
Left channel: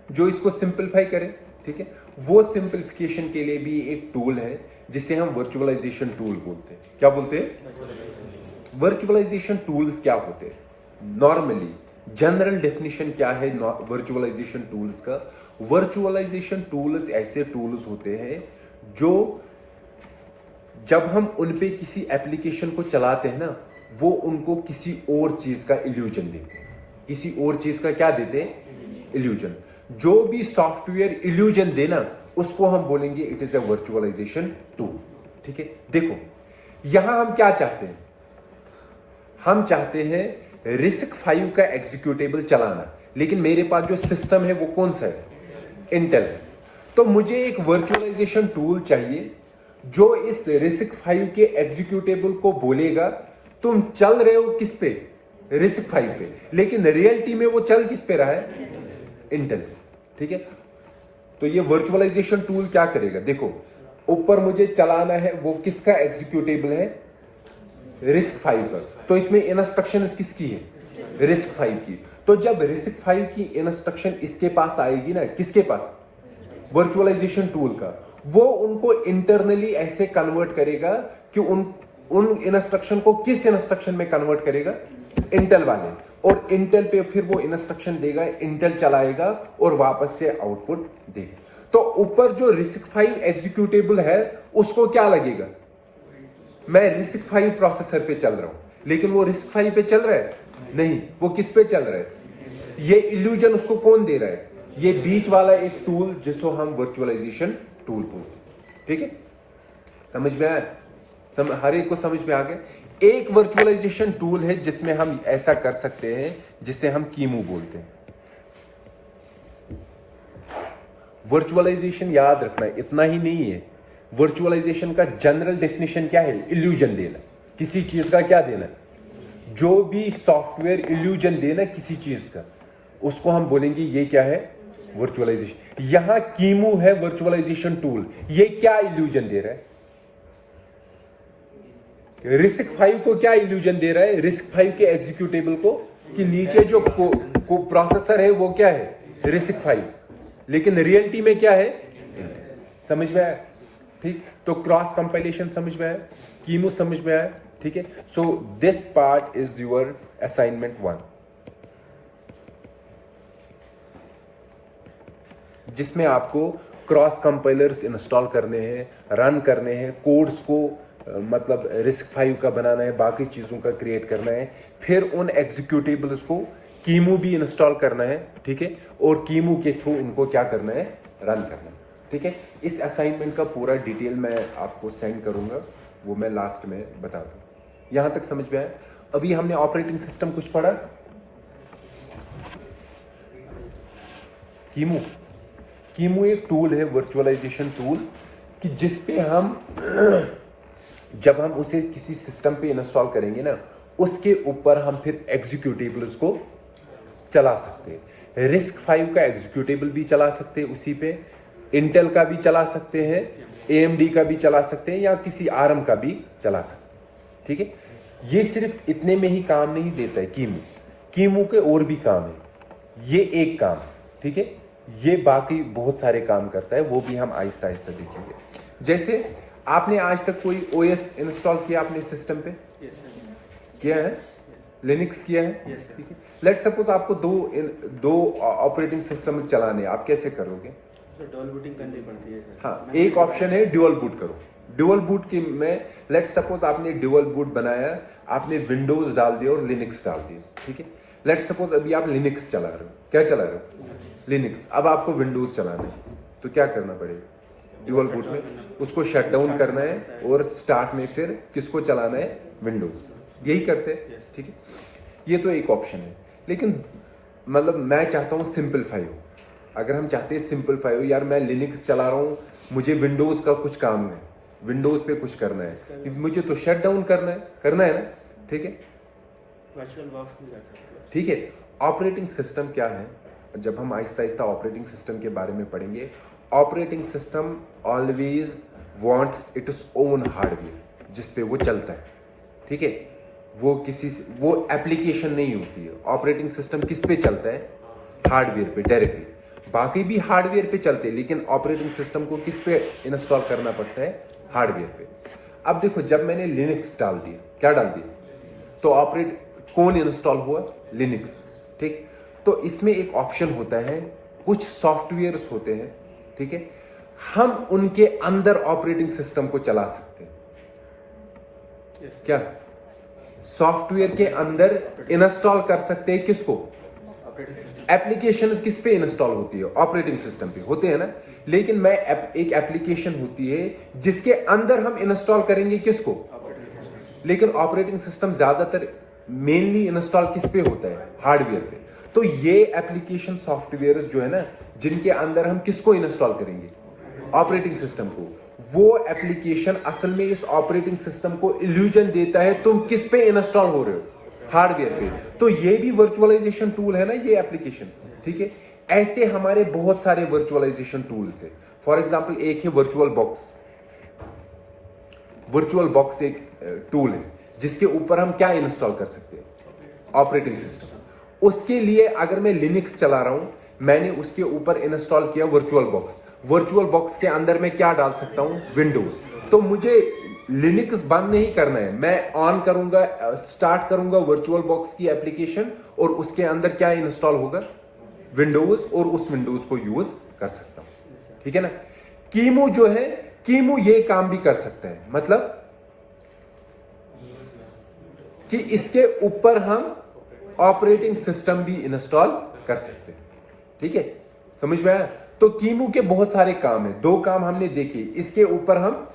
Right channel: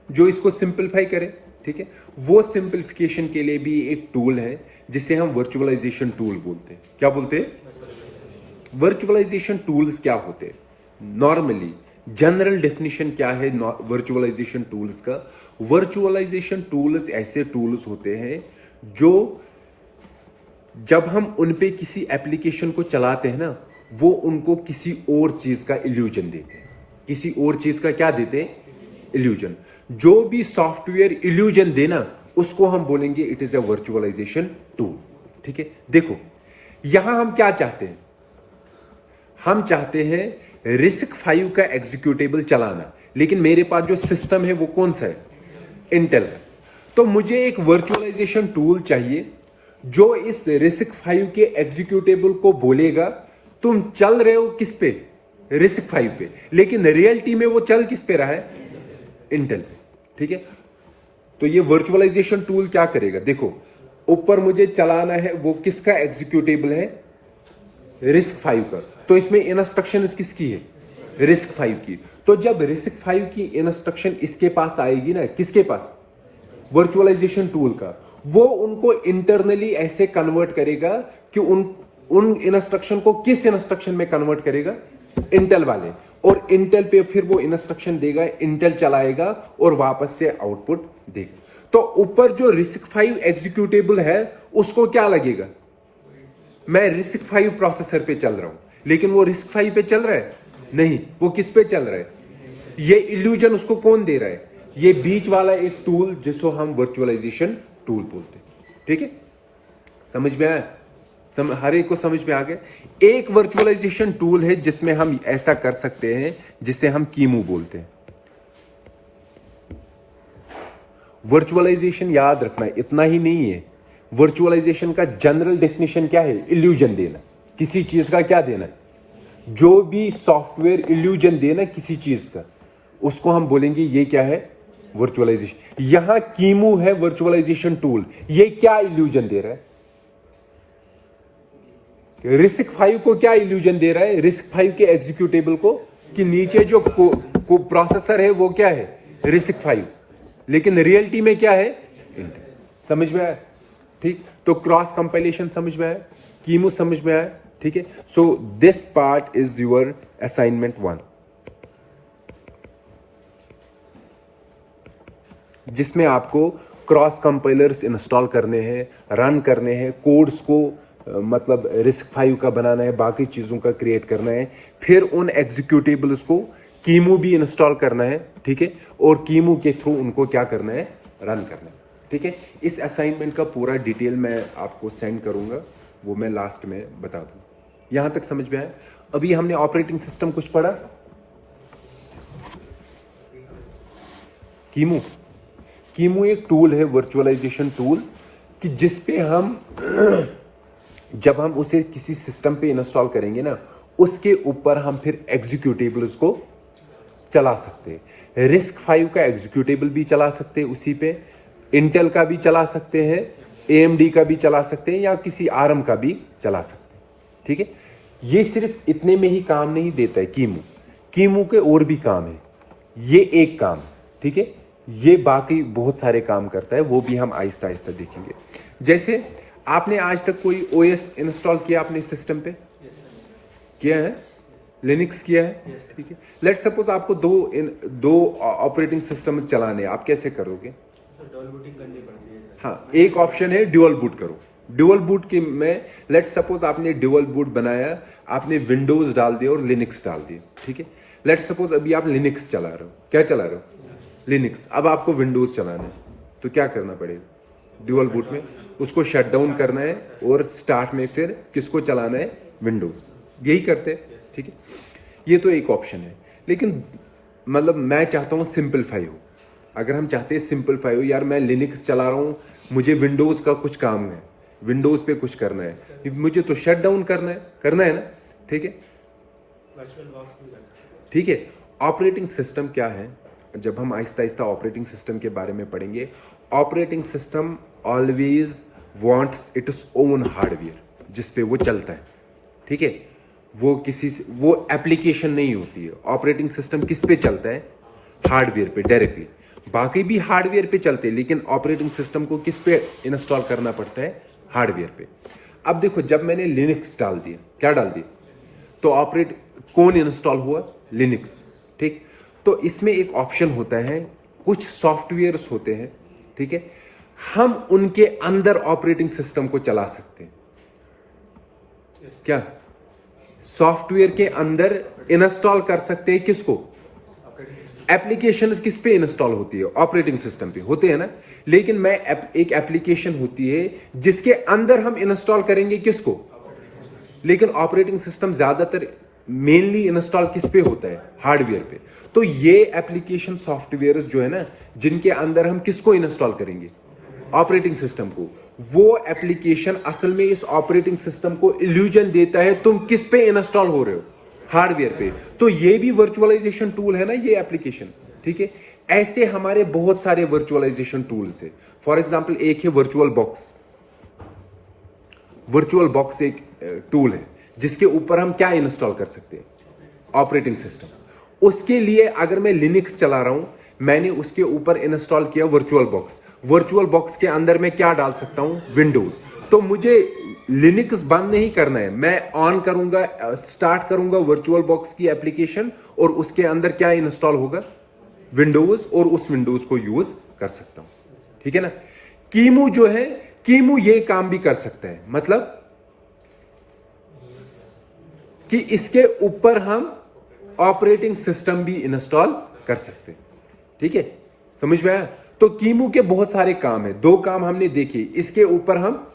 जो इसको सिंपलीफाई करे, ठीक है। वो सिंपलीफिकेशन के लिए भी एक टूल है जिसे हम वर्चुअलाइजेशन टूल बोलते हैं। क्या बोलते हैं? वर्चुअलाइजेशन टूल्स क्या होते हैं? नॉर्मली जनरल डेफिनेशन क्या है वर्चुअलाइजेशन टूल्स का? वर्चुअलाइजेशन टूल्स ऐसे टूल्स होते हैं जो जब हम उन पे किसी एप्लीकेशन को चलाते हैं ना, वो उनको किसी और चीज का इल्यूजन देते हैं। किसी और चीज का क्या देते हैं? इल्यूजन। जो भी सॉफ्टवेयर इल्यूजन देना, उसको हम बोलेंगे it is a virtualisation tool, ठीक है। देखो यहां हम क्या चाहते हैं? हम चाहते हैं RISC-V का एग्जीक्यूटेबल चलाना, लेकिन मेरे पास जो सिस्टम है वो कौन सा है? इंटेल है। तो मुझे एक वर्चुअलाइजेशन टूल चाहिए जो इस RISC-V के एग्जीक्यूटेबल को बोलेगा तुम चल रहे हो किस पे? RISC-V पे, लेकिन रियलिटी में वो चल किस पे रहा है? इंटेल, ठीक है। तो ये वर्चुअलाइजेशन टूल क्या करेगा? देखो ऊपर मुझे चलाना है, वो किसका एग्जीक्यूटेबल है? RISC-V पर। तो इसमें इंस्ट्रक्शंस किसकी है? RISC-V की। तो जब RISC-V की इंस्ट्रक्शन इसके पास आएगी ना, किसके पास? वर्चुअलाइजेशन टूल का, वो उनको इंटरनली ऐसे कन्वर्ट करेगा कि उन इंस्ट्रक्शन को किस इंस्ट्रक्शन में कन्वर्ट करेगा? इंटेल वाले। और इंटेल पे फिर वो इंस्ट्रक्शन देगा, इंटेल चलाएगा और वापस से आउटपुट देगा। तो ऊपर जो RISC-V एग्जीक्यूटेबल है उसको क्या लगेगा? मैं RISC-V प्रोसेसर पे चल रहा हूं, लेकिन वो RISC-V पे चल रहा है? नहीं, वो किस पे चल रहा है? ये इल्यूजन उसको कौन दे रहा है? ये बीच वाला एक टूल जिसको हम वर्चुअलाइजेशन टूल बोलते हैं, ठीक है। समझ में आया? हर एक को समझ में आ गया? एक वर्चुअलाइजेशन टूल है जिसमें हम ऐसा कर सकते हैं जिसे हम कीमू बोलते हैं। वर्चुअलाइजेशन याद रखना इतना ही नहीं है। वर्चुअलाइजेशन का जनरल डेफिनेशन क्या है? इल्यूजन देना। किसी चीज का क्या देना? जो भी सॉफ्टवेयर इल्यूजन देना किसी चीज का, उसको हम बोलेंगे ये क्या है? वर्चुअलाइजेशन। यहां कीमू है वर्चुअलाइजेशन टूल। ये क्या इल्यूजन दे रहा है? RISC-V को क्या इल्यूजन दे रहा है? RISC-V के एग्जीक्यूटेबल को, कि नीचे जो प्रोसेसर है वो क्या है? RISC-V, लेकिन रियलिटी में क्या है? समझ में आया? ठीक। तो क्रॉस कंपाइलेशन समझ में आया, कीमू समझ में आया, ठीक है। So this part is your assignment 1, जिसमें आपको क्रॉस कंपाइलर्स इंस्टॉल करने हैं, रन करने हैं, कोड्स को मतलब RISC-V का बनाना है, बाकी चीजों का क्रिएट करना है, फिर उन एग्जीक्यूटेबल्स को कीमू भी इंस्टॉल करना है, ठीक है। और कीमू के थ्रू उनको क्या करना है? रन करना है, ठीक है। इस असाइनमेंट का पूरा डिटेल मैं आपको सेंड करूंगा, वो मैं लास्ट में बता दूं। यहां तक समझ में आया? अभी हमने ऑपरेटिंग सिस्टम कुछ पढ़ा। कीमू एक टूल है, वर्चुअलाइजेशन टूल, कि जिसपे हम जब हम उसे किसी सिस्टम पे इंस्टॉल करेंगे ना, उसके ऊपर हम फिर एग्जीक्यूटेबल्स को चला सकते हैं। RISC-V का एग्जीक्यूटेबल भी चला सकते हैं उसी पे, इंटेल का भी चला सकते हैं, AMD का भी चला सकते हैं, या किसी ARM का भी चला सकते हैं, ठीक है। ये सिर्फ इतने में ही काम नहीं देता है कीमू के और भी काम है। ये एक काम है, ठीक है। ये बाकी बहुत सारे काम करता है, वो भी हम आहिस्ता आहिस्ता देखेंगे। जैसे आपने आज तक कोई OS इंस्टॉल किया अपने सिस्टम पे? किया है? लिनक्स किया है, ठीक है। लेट्स सपोज आपको दो ऑपरेटिंग सिस्टम चलाने, आप कैसे करोगे? हाँ, एक ऑप्शन है ड्यूअल बूट करो। ड्यूअल बूट के में लेट्स सपोज आपने ड्यूअल बूट बनाया, आपने विंडोज डाल दिया और लिनक्स डाल दिया, ठीक है। लेट्स सपोज अभी आप लिनक्स चला रहे हो। क्या चला रहे हो? लिनक्स। अब आपको विंडोज चलाना है, तो क्या करना पड़ेगा? ड्यूअल बूट में उसको शट डाउन करना है और स्टार्ट में फिर किसको चलाना है? विंडोज। यही करते हैं, ठीक है। ये तो एक ऑप्शन है, लेकिन मतलब मैं चाहता हूं सिंपलीफाई हो। अगर हम चाहते हैं सिंपलीफाई हो, यार मैं लिनक्स चला रहा हूं, मुझे विंडोज का कुछ काम है, विंडोज पे कुछ करना है, मुझे तो शट डाउन करना है ना, ठीक है। ठीक है। ऑपरेटिंग सिस्टम क्या है? जब हम आहिस्ता आहिस्ता ऑपरेटिंग सिस्टम के बारे में पढ़ेंगे, operating system always wants its own hardware जिस पे वो चलता है, ठीक है। वो एप्लीकेशन नहीं होती है। ऑपरेटिंग सिस्टम किस पे चलता है? हार्डवेयर पे डायरेक्टली। बाकी भी हार्डवेयर पे चलते हैं, लेकिन ऑपरेटिंग सिस्टम को किस पे इंस्टॉल करना पड़ता है? हार्डवेयर पे। अब देखो, जब मैंने लिनक्स डाल दिया, क्या डाल दिया, तो कौन इंस्टॉल हुआ? लिनक्स। ठीक, तो इसमें एक ऑप्शन होता है, कुछ सॉफ्टवेयर्स होते हैं, ठीक है, हम उनके अंदर ऑपरेटिंग सिस्टम को चला सकते हैं। क्या सॉफ्टवेयर के अंदर इंस्टॉल कर सकते हैं? किसको? एप्लीकेशंस किस पे इंस्टॉल होती है? ऑपरेटिंग सिस्टम पे होते हैं ना। लेकिन एक एप्लीकेशन होती है जिसके अंदर हम इंस्टॉल करेंगे किसको? लेकिन ऑपरेटिंग सिस्टम ज्यादातर मेनली इंस्टॉल किस पे होता है? हार्डवेयर पे। तो ये एप्लीकेशन सॉफ्टवेयर जो है ना, जिनके अंदर हम किसको इंस्टॉल करेंगे? ऑपरेटिंग सिस्टम को। वो एप्लीकेशन असल में इस ऑपरेटिंग सिस्टम को इल्यूजन देता है तुम किस पे इंस्टॉल हो रहे हो? हार्डवेयर पे। तो ये भी वर्चुअलाइजेशन टूल है ना, ये एप्लीकेशन। ठीक है, ऐसे हमारे बहुत सारे वर्चुअलाइजेशन टूल्स है। फॉर एग्जांपल एक है वर्चुअल बॉक्स। वर्चुअल बॉक्स एक टूल है जिसके ऊपर हम क्या इंस्टॉल कर सकते हैं? Operating system. उसके लिए अगर मैं लिनक्स चला रहा हूं, मैंने उसके ऊपर इंस्टॉल किया वर्चुअल बॉक्स। वर्चुअल बॉक्स के अंदर मैं क्या डाल सकता हूं? विंडोज। तो मुझे लिनक्स बंद नहीं करना है, मैं ऑन करूंगा, स्टार्ट करूंगा वर्चुअल बॉक्स की एप्लीकेशन, और उसके अंदर क्या इंस्टॉल होगा? विंडोज, और उस विंडोज को यूज कर सकता हूं। ठीक है ना। कीमू जो है, कीमू ये काम भी कर सकता है, मतलब कि इसके ऊपर हम ऑपरेटिंग सिस्टम भी इंस्टॉल कर सकते हैं। ठीक है, समझ में आया? तो कीमू के बहुत सारे काम है। 2 काम हमने देखे। इसके ऊपर हम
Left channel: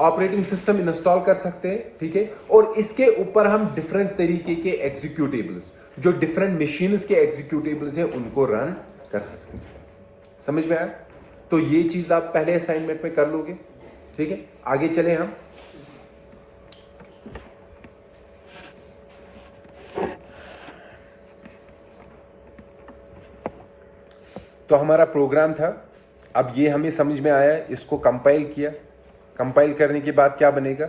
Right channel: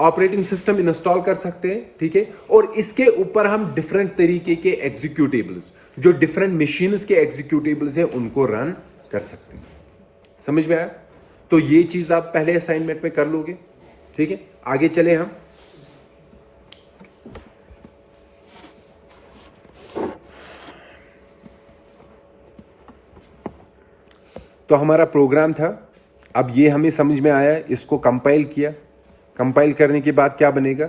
ऑपरेटिंग सिस्टम इंस्टॉल कर सकते हैं, ठीक है, और इसके ऊपर हम डिफरेंट तरीके के एग्जीक्यूटेबल्स, जो डिफरेंट मशीन्स के एग्जीक्यूटेबल्स हैं, उनको रन कर सकते हैं। समझ में आया? तो ये चीज आप पहले असाइनमेंट में कर लोगे। ठीक है, आगे चले हम। तो हमारा प्रोग्राम था, अब ये हमें समझ में आया, इसको कंपाइल किया। कंपाइल करने के बाद क्या बनेगा?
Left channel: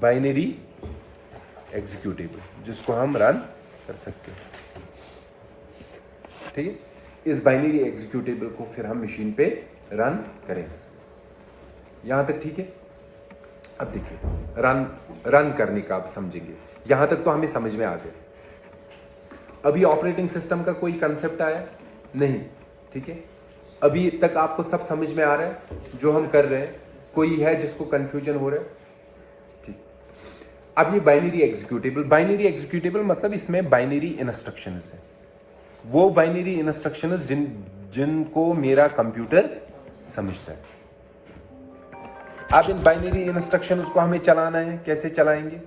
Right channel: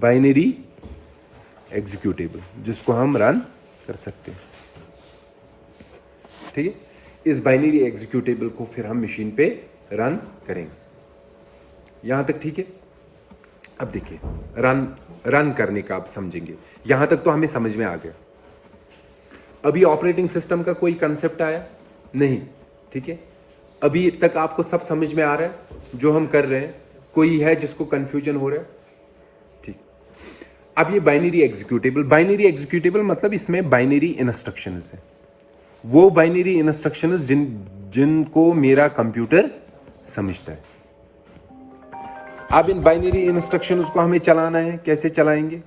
बाइनरी एग्जीक्यूटेबल, जिसको हम रन कर सकते हैं। ठीक है, इस बाइनरी एग्जीक्यूटेबल को फिर हम मशीन पे रन करेंगे। यहां तक ठीक है? अब देखिए, रन करने का आप समझेंगे। यहां तक तो हमें समझ में आ गया। अभी ऑपरेटिंग सिस्टम का कोई कंसेप्ट आया नहीं? ठीक है, अभी तक आपको सब समझ में आ रहा है जो हम कर रहे हैं? कोई है जिसको कंफ्यूजन हो रहा है? ठीक। अब ये बाइनरी एग्जीक्यूटेबल मतलब इसमें बाइनरी इंस्ट्रक्शंस है। वो बाइनरी इंस्ट्रक्शंस जिनको मेरा कंप्यूटर समझता है। अब इन बाइनरी इंस्ट्रक्शंस को हमें चलाना है। कैसे चलाएंगे?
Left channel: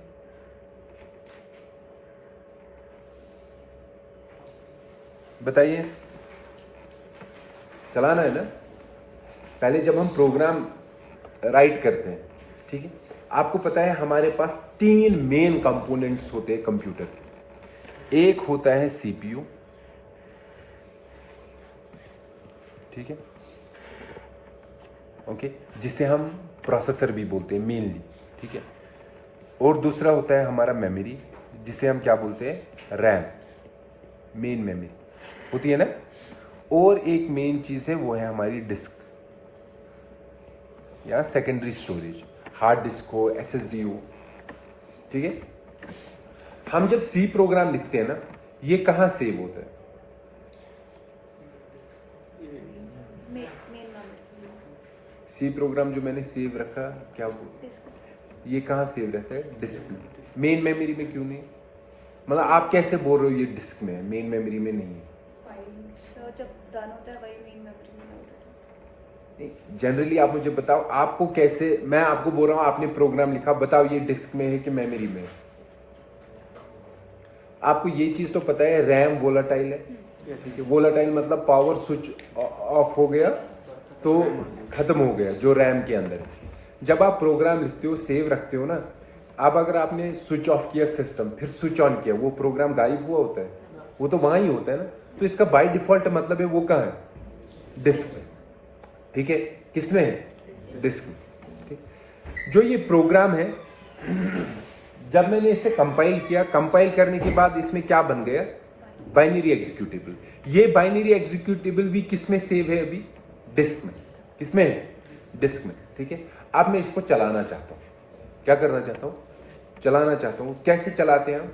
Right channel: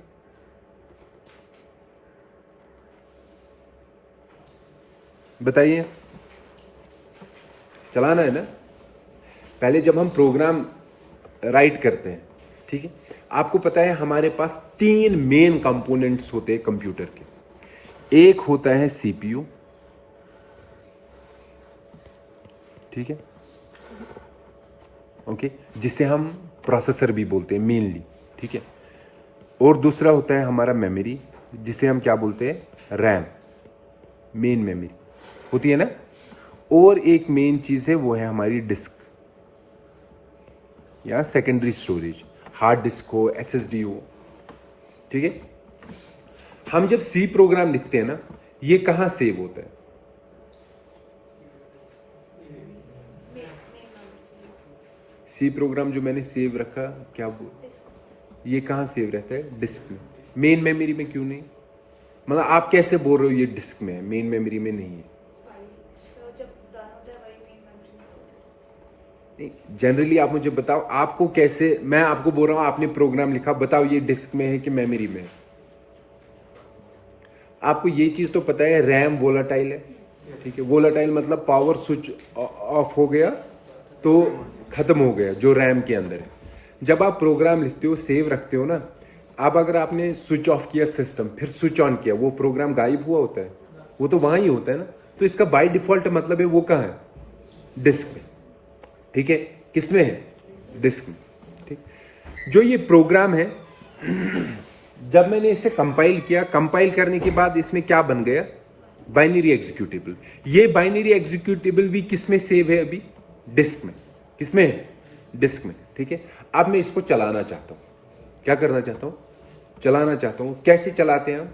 बताइए। चलाना है ना। पहले जब हम प्रोग्राम राइट करते हैं, ठीक है, आपको पता है हमारे पास 3 मेन कंपोनेंट्स होते हैं कंप्यूटर के। एक होता है सीपीयू, ठीक है, ओके, जिसे हम प्रोसेसर भी बोलते हैं मेनली, ठीक है। और दूसरा होता है हमारा मेमोरी, जिसे हम क्या बोलते हैं? रैम, मेन मेमोरी होती है ना। और एक मेन चीज है, वो है हमारी डिस्क या सेकेंडरी स्टोरेज, हार्ड डिस्क हो, एसएसडी हो, ठीक है। हम जब सी प्रोग्राम लिखते हैं ना, ये कहां सेव होता है? सी प्रोग्राम जो मैंने सेव रखा, क्या ये कहां सेव रहता है? डिस्क में। मेन मेमोरी में क्यों नहीं? मतलब आप कैसे बोल रहे हो ये डिस्क में है, मेन मेमोरी में नहीं है? जनरली आप मुझे बताओ, आपको कैसे, मैं आपको बोल रहा हूं आपने प्रोग्राम लिखा, बताओ ये डिस्क में है कि मेमोरी में है? आपको ये चीज तो पता है रैम वोलाटाइल है, ठीक है। वोलाटाइल मतलब पावर स्विच ऑफ हो गया तो खत्म हो गया, जो रैम के अंदर है। जब आप प्रोग्राम लिखते हो, सेव रखते हो ना, अब अगर आपने स्विच ऑफ किया सिस्टम, फिर स्विच ऑन किया, वो प्रोग्राम गायब हुआ होता है? वो तो वहां ही होता है ना। तो इसका बाय डिफॉल्ट मतलब है वो कहां है? डिस्क में, ठीक है। किसमें है? डिस्क में, ठीक। जो ये प्रोग्राम है जब मैंने इसे कंपाइल किया, कंपाइल करने के बाद इसमें क्या बन गया, बाइनरी एग्जीक्यूटेबल। ये बाइनरी एग्जीक्यूटेबल भी किस में सेव है अभी, डिस्क में। किसमें है, डिस्क में, ठीक है। अब मैं इसको चलाना चाहता हूं, क्या करना चाहता हूं, चलाना चाहता हूं। कैसे चलाते हैं,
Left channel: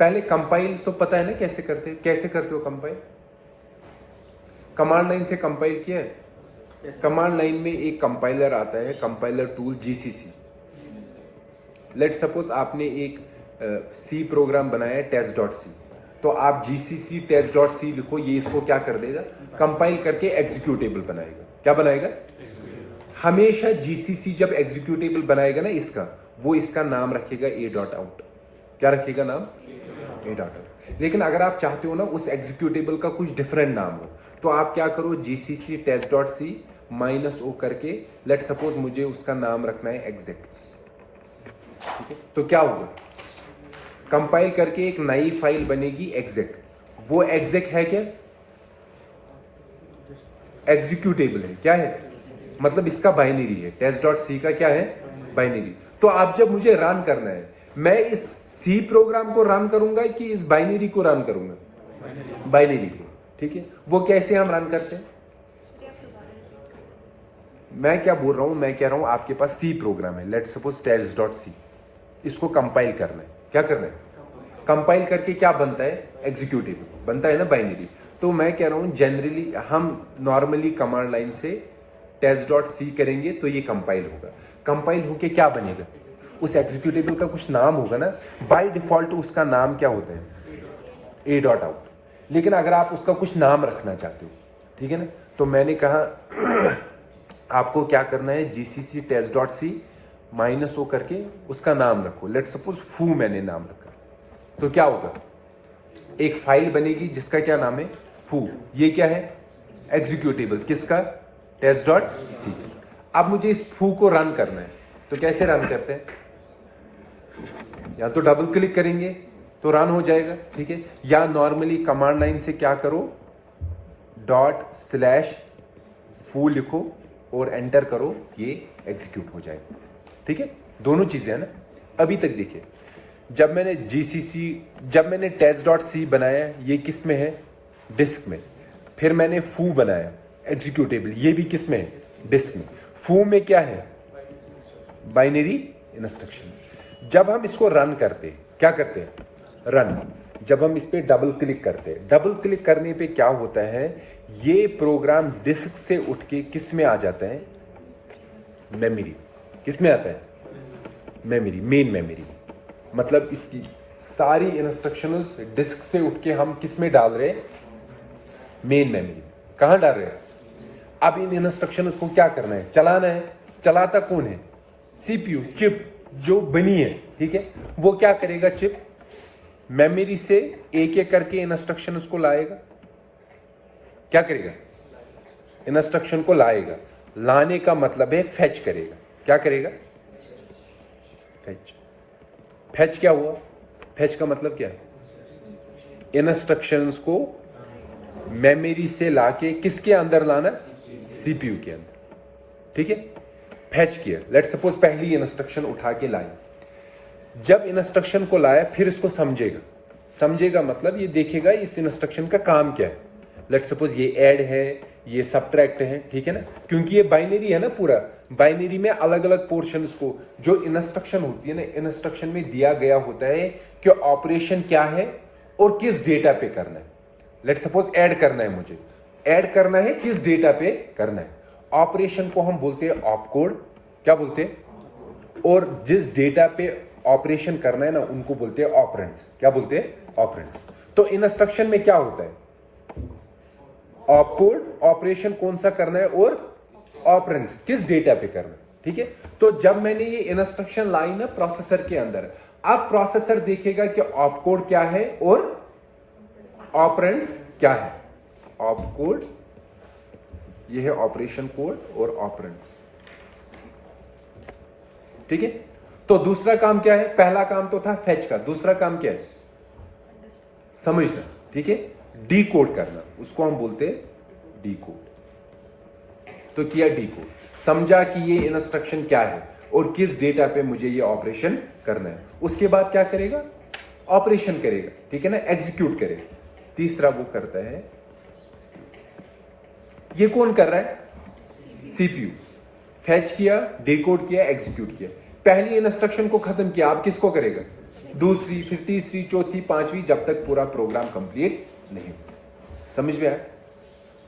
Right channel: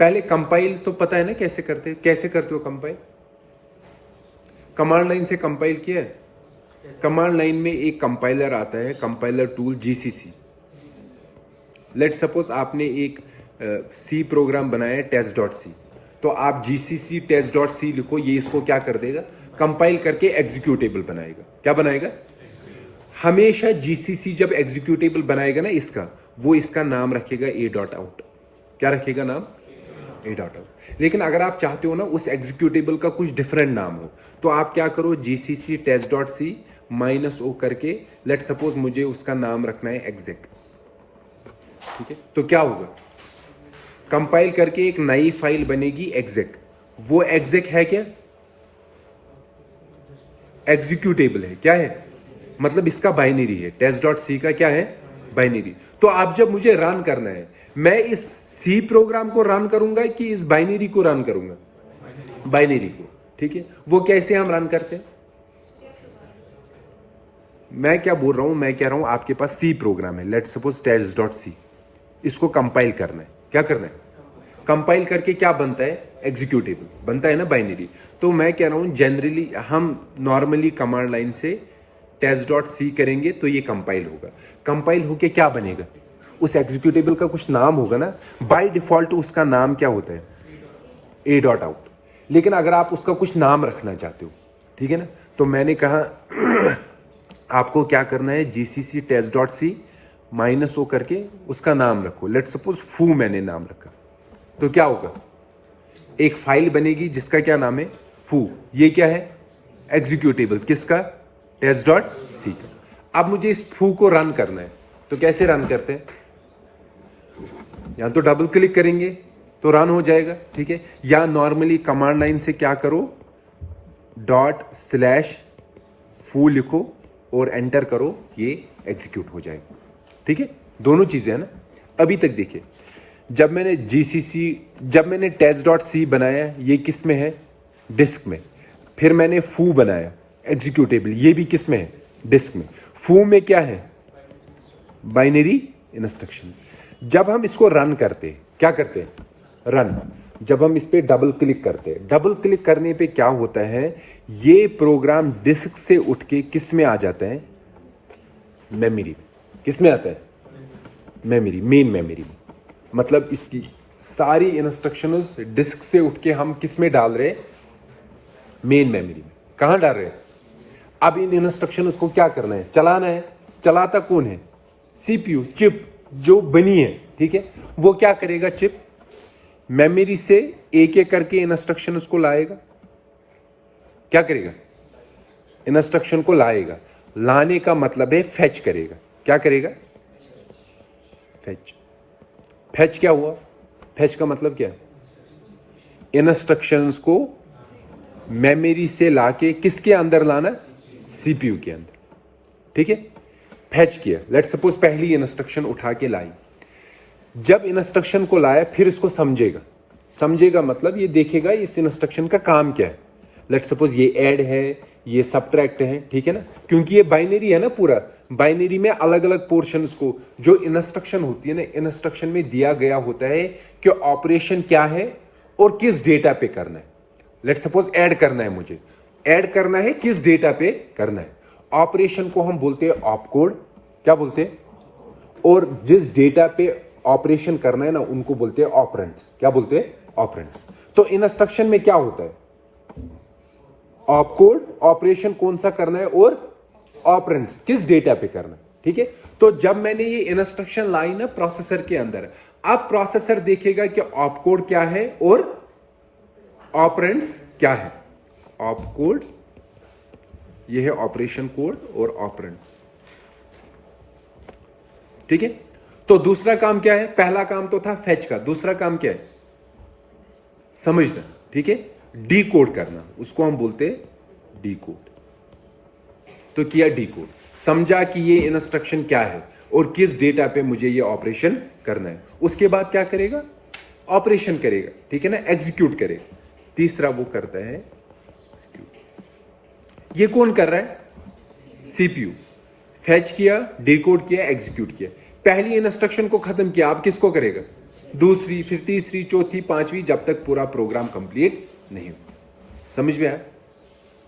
पहले कंपाइल तो पता है ना कैसे करते, कैसे करते हो कंपाइल, कमांड लाइन से कंपाइल किया है। कमांड लाइन में एक कंपाइलर आता है, compiler tool GCC. Let suppose आपने एक सी प्रोग्राम बनाया है test.c, तो आप जीसीसी test.c लिखो, ये इसको क्या कर देगा, कंपाइल करके एग्जीक्यूटेबल बनाएगा। क्या बनाएगा, हमेशा जीसीसी जब एग्जीक्यूटेबल बनाएगा ना इसका, वो इसका नाम रखेगा a.out। क्या रखेगा नाम, a.out। लेकिन अगर आप चाहते हो ना उस एग्जीक्यूटेबल का कुछ डिफरेंट नाम हो, तो आप क्या करो, जीसीसी test.c -o करके, लेट सपोज मुझे उसका नाम रखना है exec, ठीक है। तो क्या होगा, कंपाइल करके एक नई फाइल बनेगी exec। वो exec है क्या, एग्जीक्यूटेबल है, क्या है, मतलब इसका बाइनरी है, test.c का क्या है, बाइनरी। तो आप जब मुझे रन करना है, मैं इस सी प्रोग्राम को रन करूंगा कि इस बाइनरी को रन करूंगा, बाइनरी को, ठीक है। वो कैसे हम रन करते हैं, मैं क्या बोल रहा हूं, मैं कह रहा हूं आपके पास सी प्रोग्राम है, लेट सपोज test.c, इसको कंपाइल करना है। क्या करना है, कंपाइल करके क्या बनता है, एग्जीक्यूटेबल बनता है ना, बाइनरी। तो मैं कह रहा हूं जनरली हम नॉर्मली कमांड लाइन से test.c करेंगे तो ये कंपाइल होगा। कंपाइल होके क्या बनेगा, उस एग्जीक्यूटेबल का कुछ नाम होगा ना, बाय डिफॉल्ट उसका नाम क्या होता है, a.out। लेकिन अगर आप उसका कुछ नाम रखना चाहते हो, ठीक है ना, तो मैंने कहा आपको क्या करना है, जीसीसी test.c -o करके उसका नाम रखो। लेट सपोज फू मैंने नाम रखा, तो क्या होगा, एक फाइल बनेगी जिसका क्या नाम है, फू। ये क्या है, एग्जीक्यूटेबल, किसका, test.c का। अब मुझे इस फू को रन करना है, तो कैसे रन करते हैं, या तो डबल क्लिक करेंगे तो रन हो जाएगा, ठीक है, या नॉर्मली कमांड लाइन से क्या करो, ./foo लिखो और एंटर करो, ये एग्जीक्यूट हो जाएगा, ठीक है। दोनों चीजें है ना। अभी तक देखिए, जब मैंने test.c बनाया, ये किस में है, डिस्क में। फिर मैंने फू बनाया एग्जीक्यूटेबल, ये भी किस में है, डिस्क में। फू में क्या है, बाइनरी इंस्ट्रक्शन। जब हम इसको रन करते हैं, क्या करते हैं, रन। जब हम इस पे डबल क्लिक करते हैं, डबल क्लिक करने पे क्या होता है, ये प्रोग्राम डिस्क से उठ के किस में आ जाता है, मेमोरी। किस में आता है, मेमोरी, मेन मेमोरी। मतलब इसकी सारी इंस्ट्रक्शंस डिस्क से उठ के हम किस में डाल रहे हैं, मेन मेमोरी। कहां डाल रहे हैं, अब इन इंस्ट्रक्शंस को क्या करना है, चलाना है। चलाता कौन है, सीपीयू, चिप जो बनी है, ठीक है। वो क्या करेगा, चिप मेमोरी से एक एक करके इंस्ट्रक्शंस को लाएगा। क्या करेगा, इंस्ट्रक्शन को लाएगा। लाने का मतलब है फेच करेगा। क्या करेगा, फेच। फेच क्या हुआ, फेच का मतलब क्या है, इंस्ट्रक्शंस को मेमोरी से लाके किसके अंदर लाना, सीपीयू के अंदर, ठीक है। फेच किया, लेट सपोज पहली इंस्ट्रक्शन उठा के लाई। जब इंस्ट्रक्शन को लाया, फिर इसको समझेगा मतलब ये देखेगा इस इंस्ट्रक्शन का काम क्या है। लेट सपोज ये ऐड है, ये सबट्रैक्ट है, ठीक है ना, क्योंकि ये बाइनरी है ना पूरा। बाइनरी में अलग अलग पोर्शंस को, जो इंस्ट्रक्शन होती है ना, इंस्ट्रक्शन में दिया गया होता है कि ऑपरेशन क्या है और किस डेटा पे करना है। लेट सपोज ऐड करना है, मुझे ऐड करना है, किस डेटा पे करना है। ऑपरेशन को हम बोलते हैं ऑपकोड। क्या बोलते हैं, और जिस डेटा पे ऑपरेशन करना है ना, उनको बोलते हैं ऑपरेंड्स। क्या बोलते हैं, ऑपरेंड्स। तो इंस्ट्रक्शन में क्या होता है, ऑपकोड, ऑपरेशन कौन सा करना है, और ऑपरेंड्स किस डेटा पे करना है, ठीक है। तो जब मैंने ये इंस्ट्रक्शन लाई ना प्रोसेसर के अंदर, अब प्रोसेसर देखेगा कि ऑपकोड क्या है और ऑपरेंड्स क्या है। ऑपकोड, ये है ऑपरेशन कोड, और ऑपरेंड्स, ठीक है। तो दूसरा काम क्या है, पहला काम तो था फेच का, दूसरा काम क्या है, समझना, ठीक है, डी कोड करना, उसको हम बोलते हैं डी कोड। तो किया डी कोड। समझा कि ये इंस्ट्रक्शन क्या है और किस डेटा पे मुझे ये ऑपरेशन करना है। उसके बाद क्या करेगा? ऑपरेशन करेगा, ठीक है ना, एग्जीक्यूट करेगा। तीसरा वो करता है, ये कौन कर रहा है? सीपीयू। फैच किया, डिकोड किया, एग्जीक्यूट किया। पहली इंस्ट्रक्शन को खत्म किया, अब किसको करेगा? दूसरी, फिर तीसरी, चौथी, पांचवी, जब तक पूरा प्रोग्राम कंप्लीट नहीं हो। समझ में आया?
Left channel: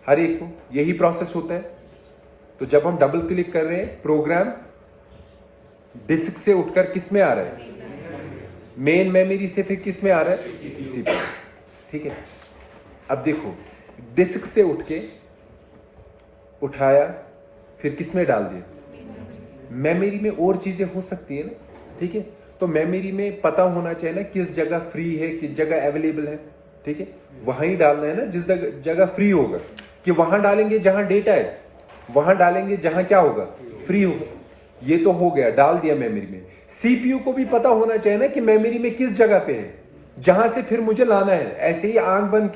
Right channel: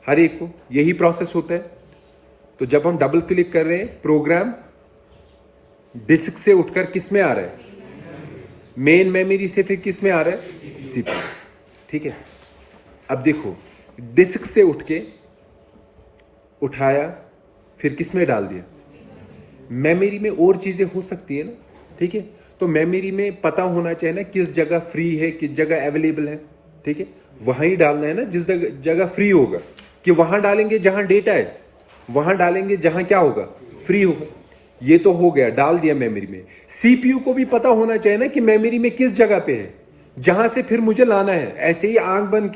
हर एक को यही प्रोसेस होता है। तो जब हम डबल क्लिक कर रहे हैं, प्रोग्राम डिस्क से उठकर किस में आ रहा है? मेन मेमोरी से फिर किस में आ रहा है? सीपीयू। ठीक है, अब देखो, डिस्क से उठ के उठाया, फिर किस में डाल दिया? मेमोरी में और चीजें हो सकती है ना, ठीक है। तो मेमोरी में पता होना चाहिए ना किस जगह फ्री है, किस जगह अवेलेबल है, ठीक है। वहां ही डालना है ना जिस जगह फ्री होगा, कि वहां डालेंगे जहां डेटा है, वहां डालेंगे जहां क्या होगा? फ्री होगा। ये तो हो गया, डाल दिया मेमोरी में। सीपीयू को भी पता होना चाहिए ना कि मेमोरी में किस जगह पे है, जहां से फिर मुझे लाना है। ऐसे ही आंख बंद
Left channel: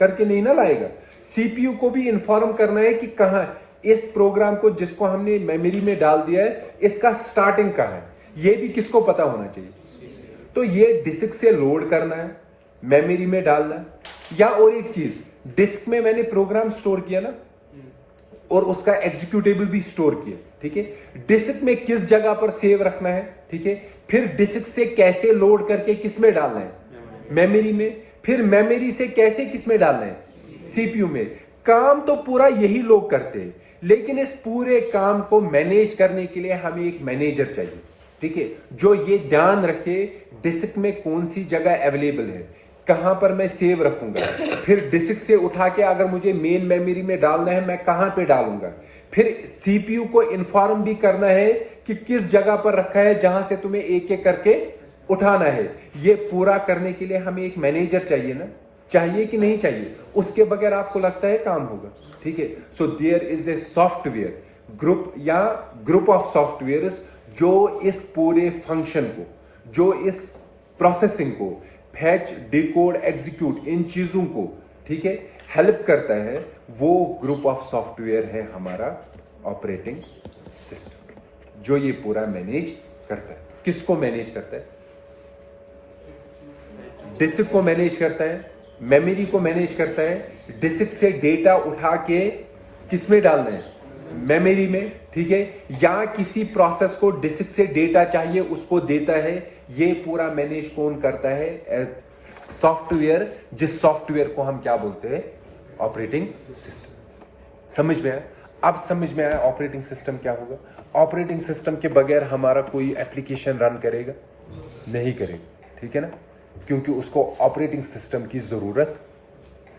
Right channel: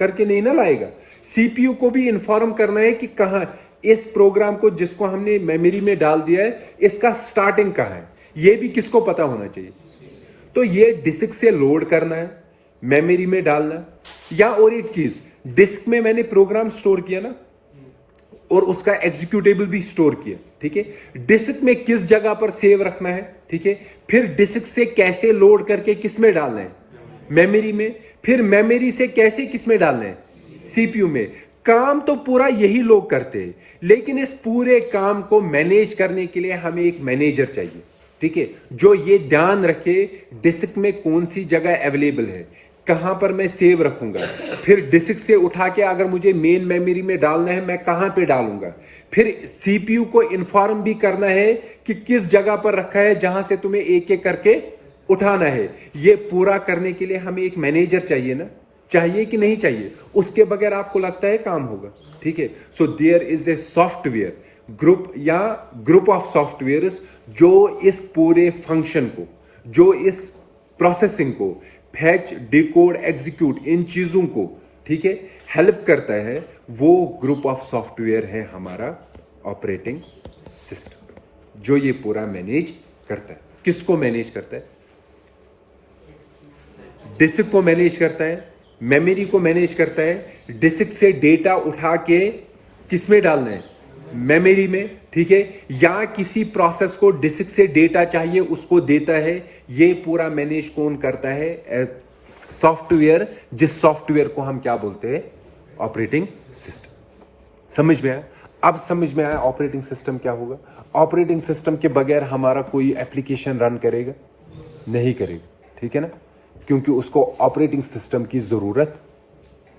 करके नहीं ना लाएगा। सीपीयू को भी इंफॉर्म करना है कि कहां इस प्रोग्राम को जिसको हमने मेमोरी में डाल दिया है, इसका स्टार्टिंग कहां है, ये भी किसको पता होना चाहिए। तो ये डिस्क से लोड करना है, मेमोरी में डालना है। या और एक चीज, डिस्क में मैंने प्रोग्राम स्टोर किया ना, और उसका एग्जीक्यूटेबल भी स्टोर किया, ठीक है। डिस्क में किस जगह पर सेव रखना है, ठीक है। फिर डिस्क से कैसे लोड करके किस में डालना है? मेमोरी में। फिर मेमोरी से कैसे किस में डालना है? सीपीयू में। काम तो पूरा यही लोग करते हैं, लेकिन इस पूरे काम को मैनेज करने के लिए हमें एक मैनेजर चाहिए, ठीक है, जो ये ध्यान रखे डिस्क में कौन सी जगह अवेलेबल है, कहां पर मैं सेव रखूंगा। फिर डिस्क से उठा के अगर मुझे मेन मेमोरी में डालना है, मैं कहां पे डालूंगा। फिर सीपीयू को इन्फॉर्म भी करना है कि किस जगह पर रखा है, जहां से तुम्हें एक एक करके उठाना है। ये पूरा करने के लिए हमें एक मैनेजर चाहिए ना, चाहिए कि नहीं चाहिए? उसके बगैर आपको लगता है काम होगा? ठीक है। So there is a software group या ग्रुप ऑफ सॉफ्टवेयर जो इस पूरे फंक्शन को, जो इस प्रोसेसिंग को, फैच, डिकोड, एग्जीक्यूट, इन चीजों को, ठीक है, हेल्प करता है। वो ग्रुप ऑफ सॉफ्टवेयर है हमारा ऑपरेटिंग सिस्टम, जो ये पूरा मैनेज करता है। किसको मैनेज करता है? डिस्क को मैनेज करता है, मेमोरी को मैनेज करता है। डिस्क से डेटा उठा के किसमें डालना है? मेमोरी में, ठीक है। या किसी प्रोसेस को डिस्क से डेटा चाहिए, उसको देता है। ये पूरा मैनेज कौन करता है? सॉफ्टवेयर, जिस सॉफ्टवेयर को हम क्या बोलते हैं? Operating system. समझ में आया? अब समझ में आया ऑपरेटिंग सिस्टम क्या होगा? ऑपरेटिंग सिस्टम के बगैर हमारा कोई एप्लीकेशन रन करेगा? नहीं करेगा, ठीक है ना, क्योंकि उसको ऑपरेटिंग सिस्टम की जरूरत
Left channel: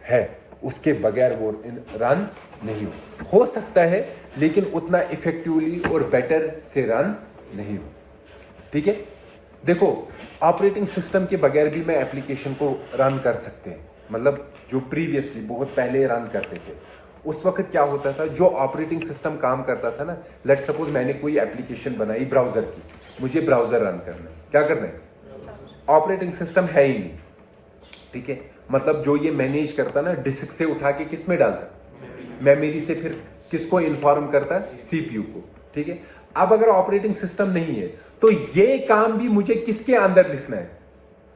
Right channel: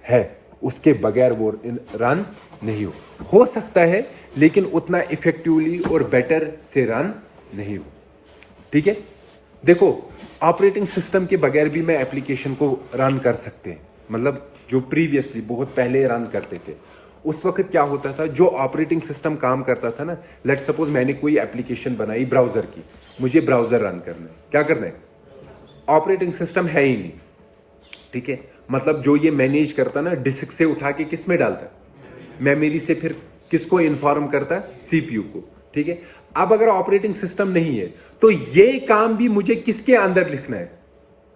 है। उसके बगैर वो रन नहीं हो सकता है, लेकिन उतना इफेक्टिवली और बेटर से रन नहीं हो, ठीक है। देखो, ऑपरेटिंग सिस्टम के बगैर भी मैं एप्लीकेशन को रन कर सकते हैं। मतलब जो प्रीवियसली बहुत पहले रन करते थे, उस वक्त क्या होता था, जो ऑपरेटिंग सिस्टम काम करता था ना, लेट सपोज मैंने कोई एप्लीकेशन बनाई ब्राउजर की, मुझे ब्राउजर रन करना है। क्या करना है? ऑपरेटिंग सिस्टम है ही नहीं, ठीक है। मतलब जो ये मैनेज करता ना, डिस्क से उठा के किस में डालता? मेमोरी से फिर किसको इन्फॉर्म करता? सीपीयू को, ठीक है। अब अगर ऑपरेटिंग सिस्टम नहीं है, तो ये काम भी मुझे किसके अंदर लिखना है?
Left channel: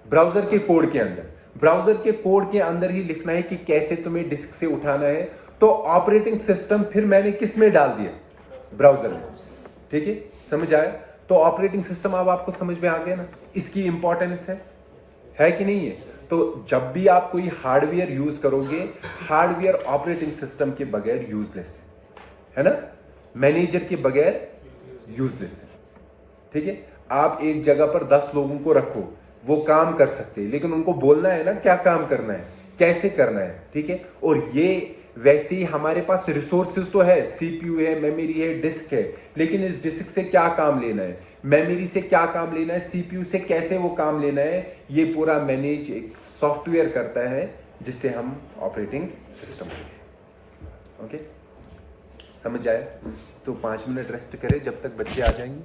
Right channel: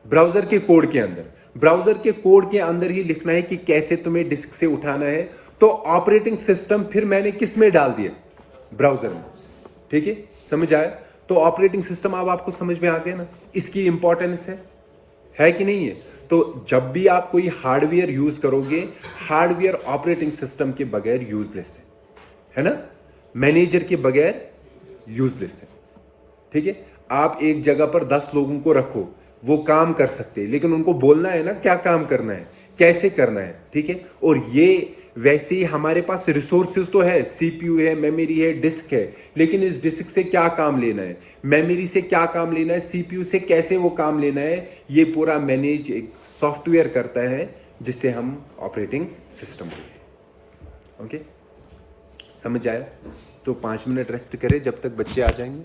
ब्राउजर के कोड के अंदर। ब्राउजर के कोड के अंदर ही लिखना है कि कैसे तुम्हें डिस्क से उठाना है। तो ऑपरेटिंग सिस्टम फिर मैंने किस में डाल दिया? ब्राउजर में, ठीक है। समझ आया? तो ऑपरेटिंग सिस्टम अब आपको समझ में आ गया ना, इसकी इंपॉर्टेंस है कि नहीं है? तो जब भी आप कोई हार्डवेयर यूज करोगे, हार्डवेयर ऑपरेटिंग सिस्टम के बगैर यूजलेस है ना, मैनेजर के बगैर यूजलेस है, ठीक है। आप एक जगह पर 10 लोगों को रखो, वो काम कर सकते हैं, लेकिन उनको बोलना है ना क्या काम करना है, कैसे करना है, ठीक है। और ये वैसे ही हमारे पास रिसोर्सेज तो है, सीपीयू है, मेमोरी है, डिस्क है, लेकिन इस डिस्क से क्या काम लेना है, मेमोरी से क्या काम लेना है, सीपीयू से कैसे वो काम लेना है, ये पूरा मैनेज एक सॉफ्टवेयर करता है, जिसे हम ऑपरेटिंग सिस्टम कहते हैं। ओके, समझ आया? तो 5 मिनट रेस्ट करें जब तक बच्चे आ जाएंगे।